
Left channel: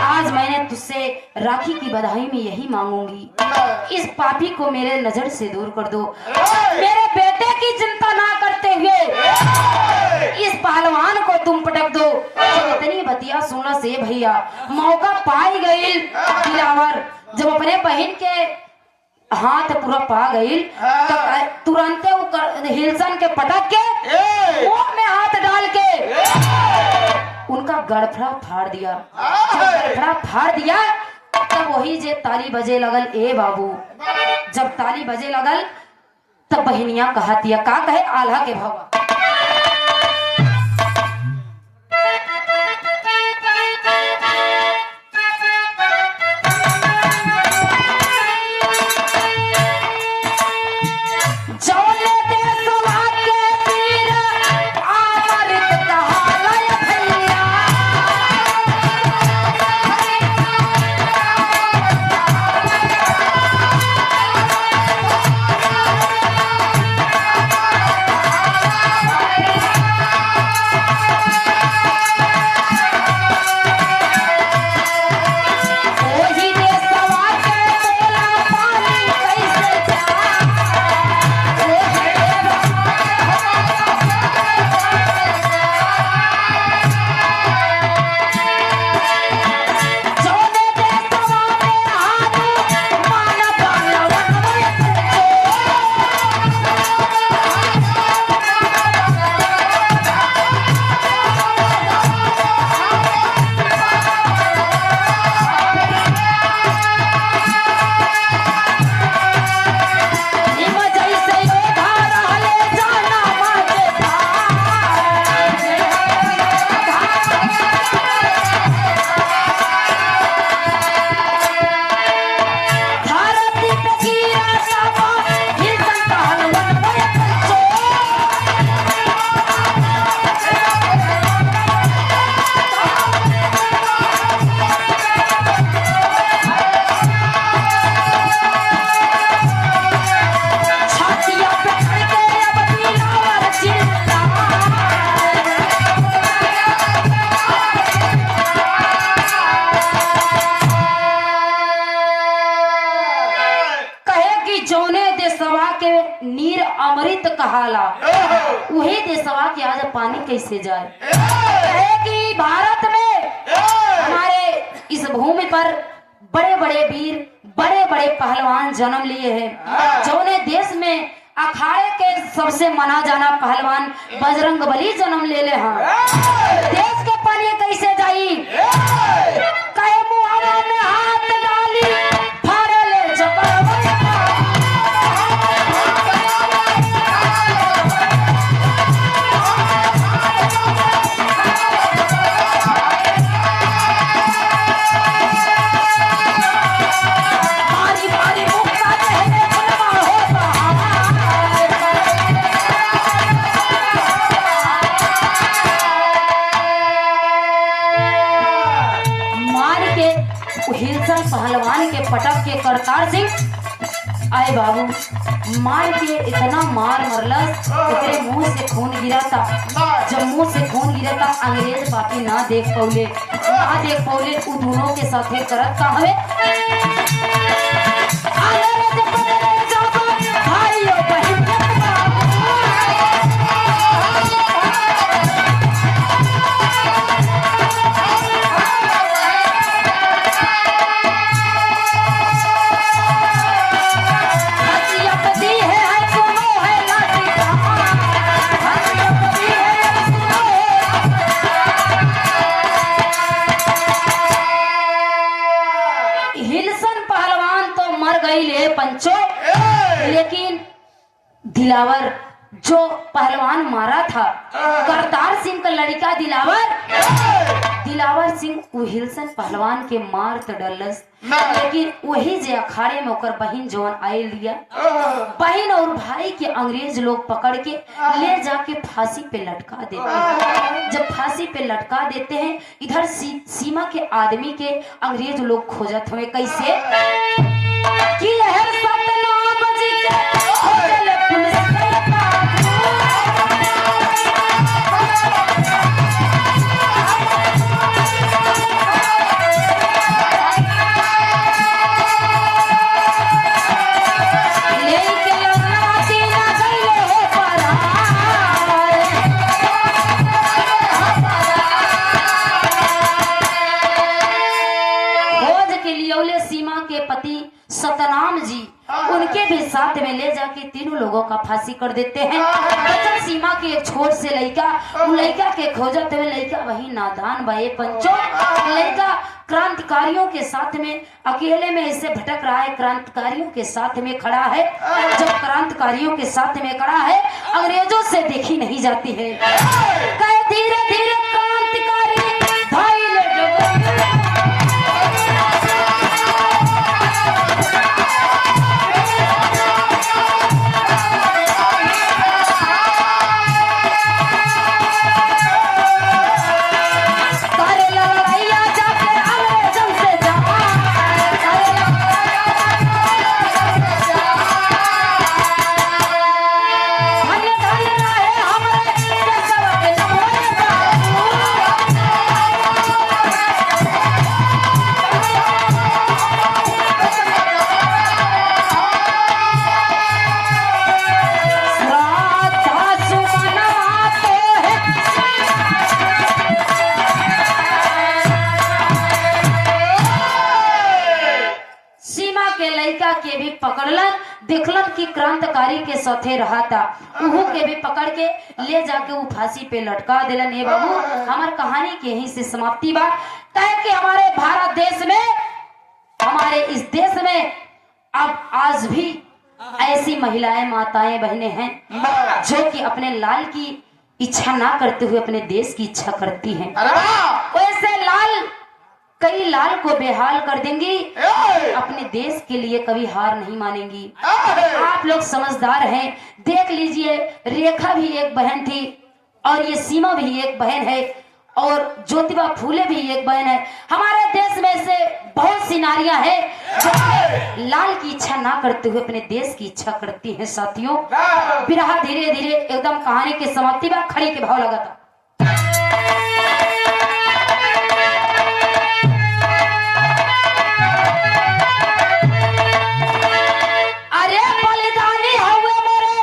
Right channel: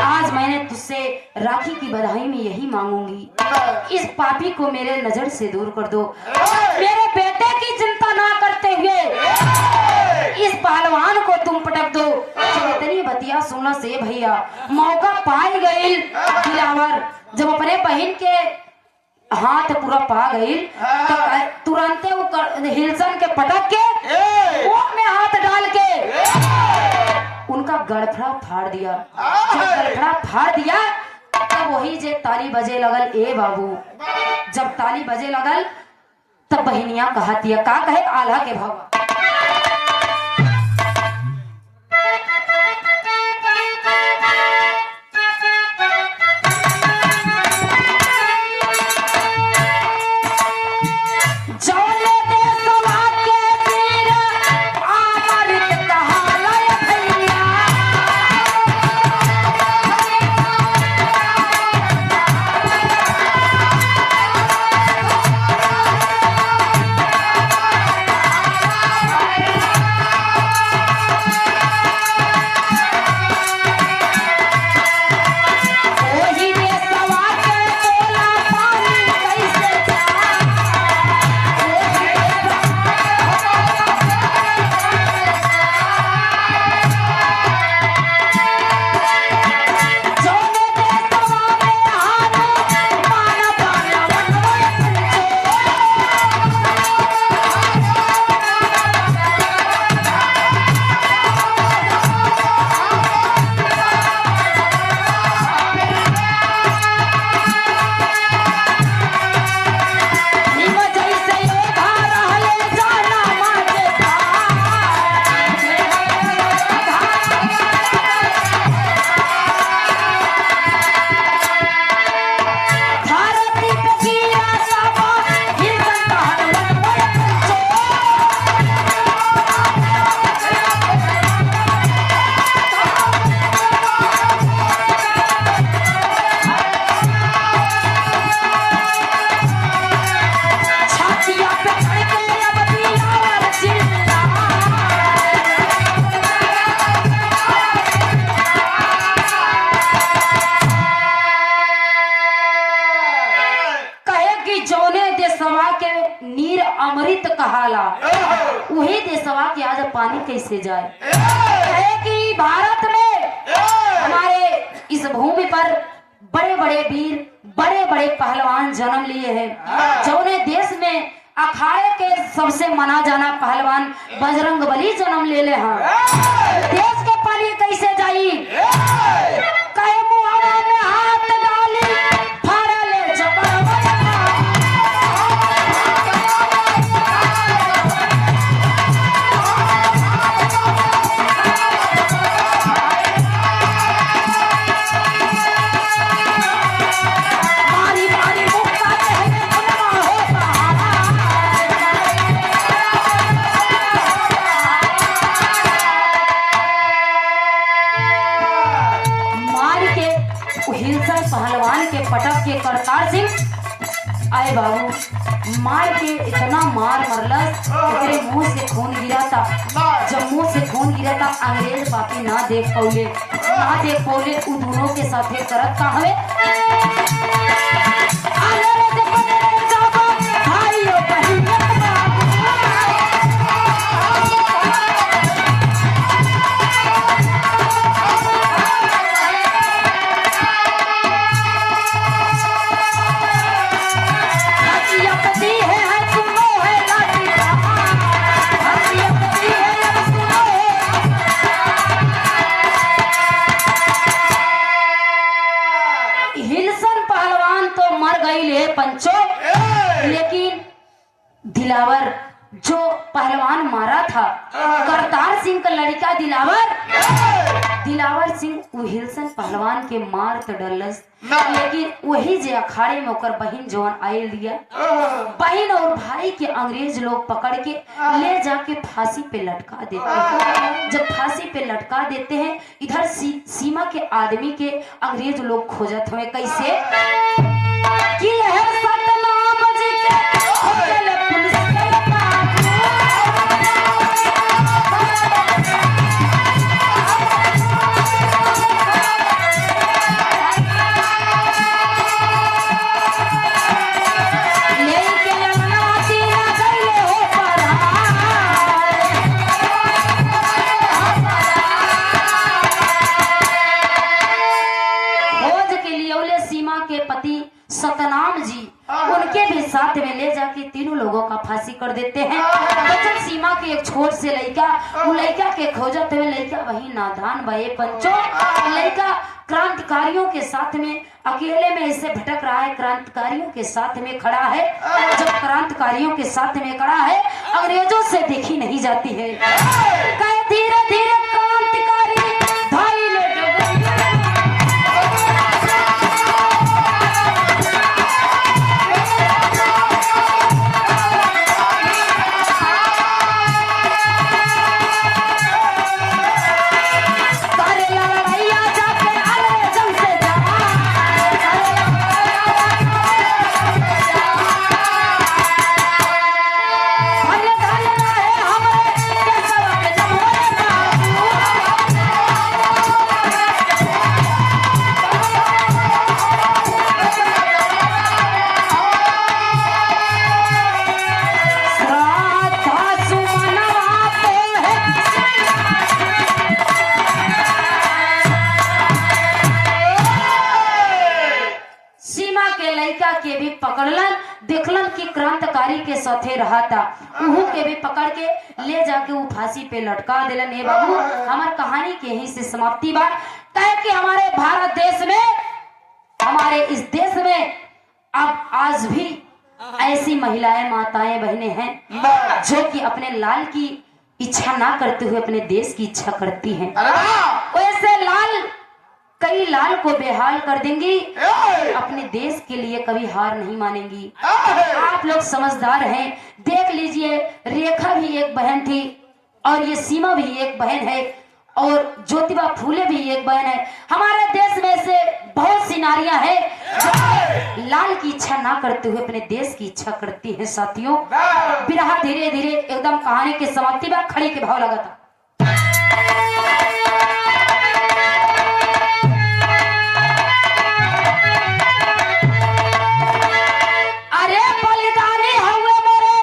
आज मैंने तुझसे राखी की बधाई में यही मांगूंगी, इस पापी को मेरे नजर से दूर कर दो। मेरे बेटे की चिंता ना करते हुए इस पहलवान को तुम पटक दो। जब इतनी बतिया सुनना से भैया मौका पाई गई दिलावर, जब अपने बहन के हाथ पूरा पा गई तो तुरंत हिलसन के पटक के मुंह में हाथ डाल के उनका गड़फड़ा फाड़ दिया। जब गड़फड़ा फाड़ दिया तब वही जे ताली बजे लगल, ए बाबू जब ताली बजे लगल तब बहनिया कहतिया का कहे आल्हा के भावा जाने दे सला के तीर आमृत कहा नीर अमृत कहाला, वही देशवा के आज पानी कैसे जाए। है कि भारत में हमारे इस भूमि पर बड़े बड़े वीर, बड़े बड़े पहलवान जन्म लिए हैं। जौने देश में अखाड़े के सबसे माना जाना पहलवान बजरंग बली जन्म ले ले हैं। देश के पानी कैसे जाई। कई मुहाने में हाथ डाली, फाड़ले चपल। हिलसन पहलवान के पटक के करतार सिंह आए बाबू मार के इतना मार मरलस, तेरे मुंह से खून गिरा था। जब मुंह से खून गिरा था अंग्रेज पापी ना देख पौले, उ दोनों के साथे करत का हवे। हिलसन पहलवान तो मर गई ले पंचो, लेकिन दिलावर जो पहलवान मारा था करतार सिंह का लड़का दिलावर सिंह वो हिलसन पहलवान के मार तो डरलस, लेकिन वही जे अखाड़े में ओकर बहन जवान आए लिया, बहन और भाई के अंग्रेज लोग पकड़ के ले जाके फांसी पे लटका देते हैं। जब फांसी पे लटका देते हैं, इधर सीमा के आदमी के अंग्रेज लोग खोजत हुए कैसे कि सतनाम जी के सतनाम जी उनके भी साथ में ले जाके तीनों लोगों का फांसी कर देते हैं। बचन सीमा के एक छोट से लड़का के खोजत हुए लड़का वही नादान भाई पंचो, लड़का क्रांतिकारियों के साथ में अकेले में ऐसे भटक रहा है, क्रांतिकारियों के साथ में खड़ा है। जब क्रांतिकारियों के साथ में खड़ा है अंग्रेजों से देखी नहीं जाती है। धीरे धीरे क्रांतिकारी भाई लेके के भी पकड़लन, देखलन कि क्रांतिकारी के साथे रहा था, उहू के भी पकड़ के ले जाके वो फांसी पे लटका दिलन। ए बाबू हमार कहानी के यहीं से समाप्ति बा। कि हमारे भारत देश में, हमारे इस देश में अब आज भी ऐसी महिलाएं, माताएं, बहनें हैं जो कि अपने लाल की इच्छा ना करते हुए अपने देश की इच्छा करती हैं। वैसे कई लाल को बेहाल कर देंगी, अपने देश के लिए कभी हार नहीं मानेंगी। आप लोग समझदार हैं, देख लीजिए रेखा भी एक बहन थी और ये सीमा भी एक बहन है और ज्योतिबा फूले भी एक बहन है। हमारे देश में से बहुत सी नारियां हैं जो लाल की इच्छा ना करते हुए अपने देश की इच्छा करती हैं। साथियों बिरहा धीरे धीरे एकदम कहानी के समाप्ति में खड़ी के भाव लगा था। अरे बलिदानी हुए मेरे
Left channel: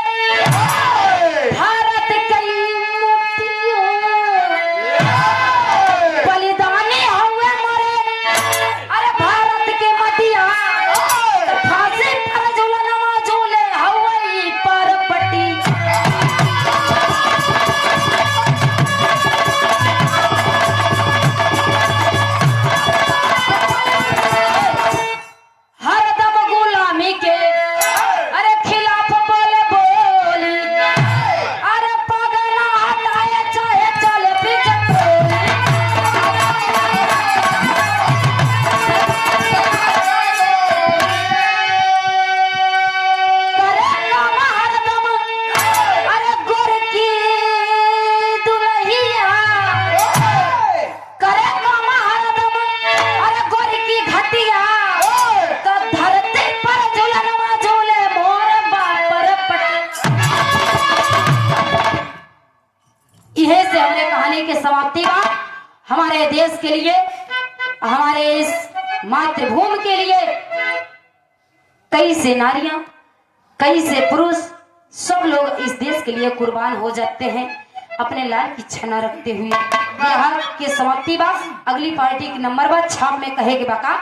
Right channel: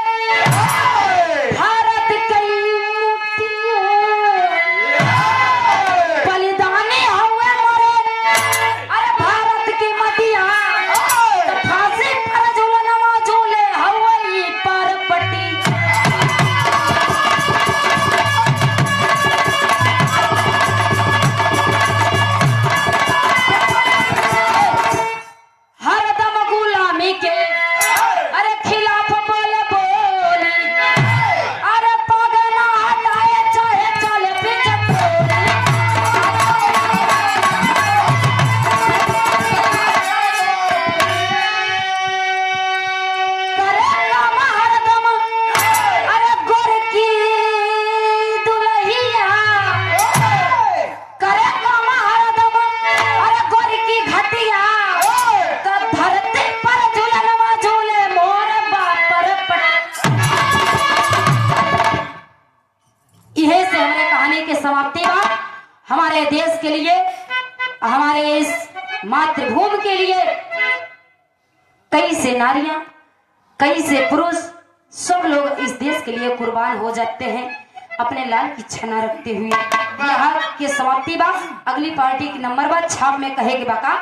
के लिए, हमारे इस मातृभूमि के लिए कई से नारियां, कई से पुरुष, सब लोग इस देश के लिए कुर्बान हो जाते हैं अपने लाल की छना रखते हुए। बिहार के समाप्ति बाद अगली पार्टी की नंबर बाद छाप में कहेगी बाका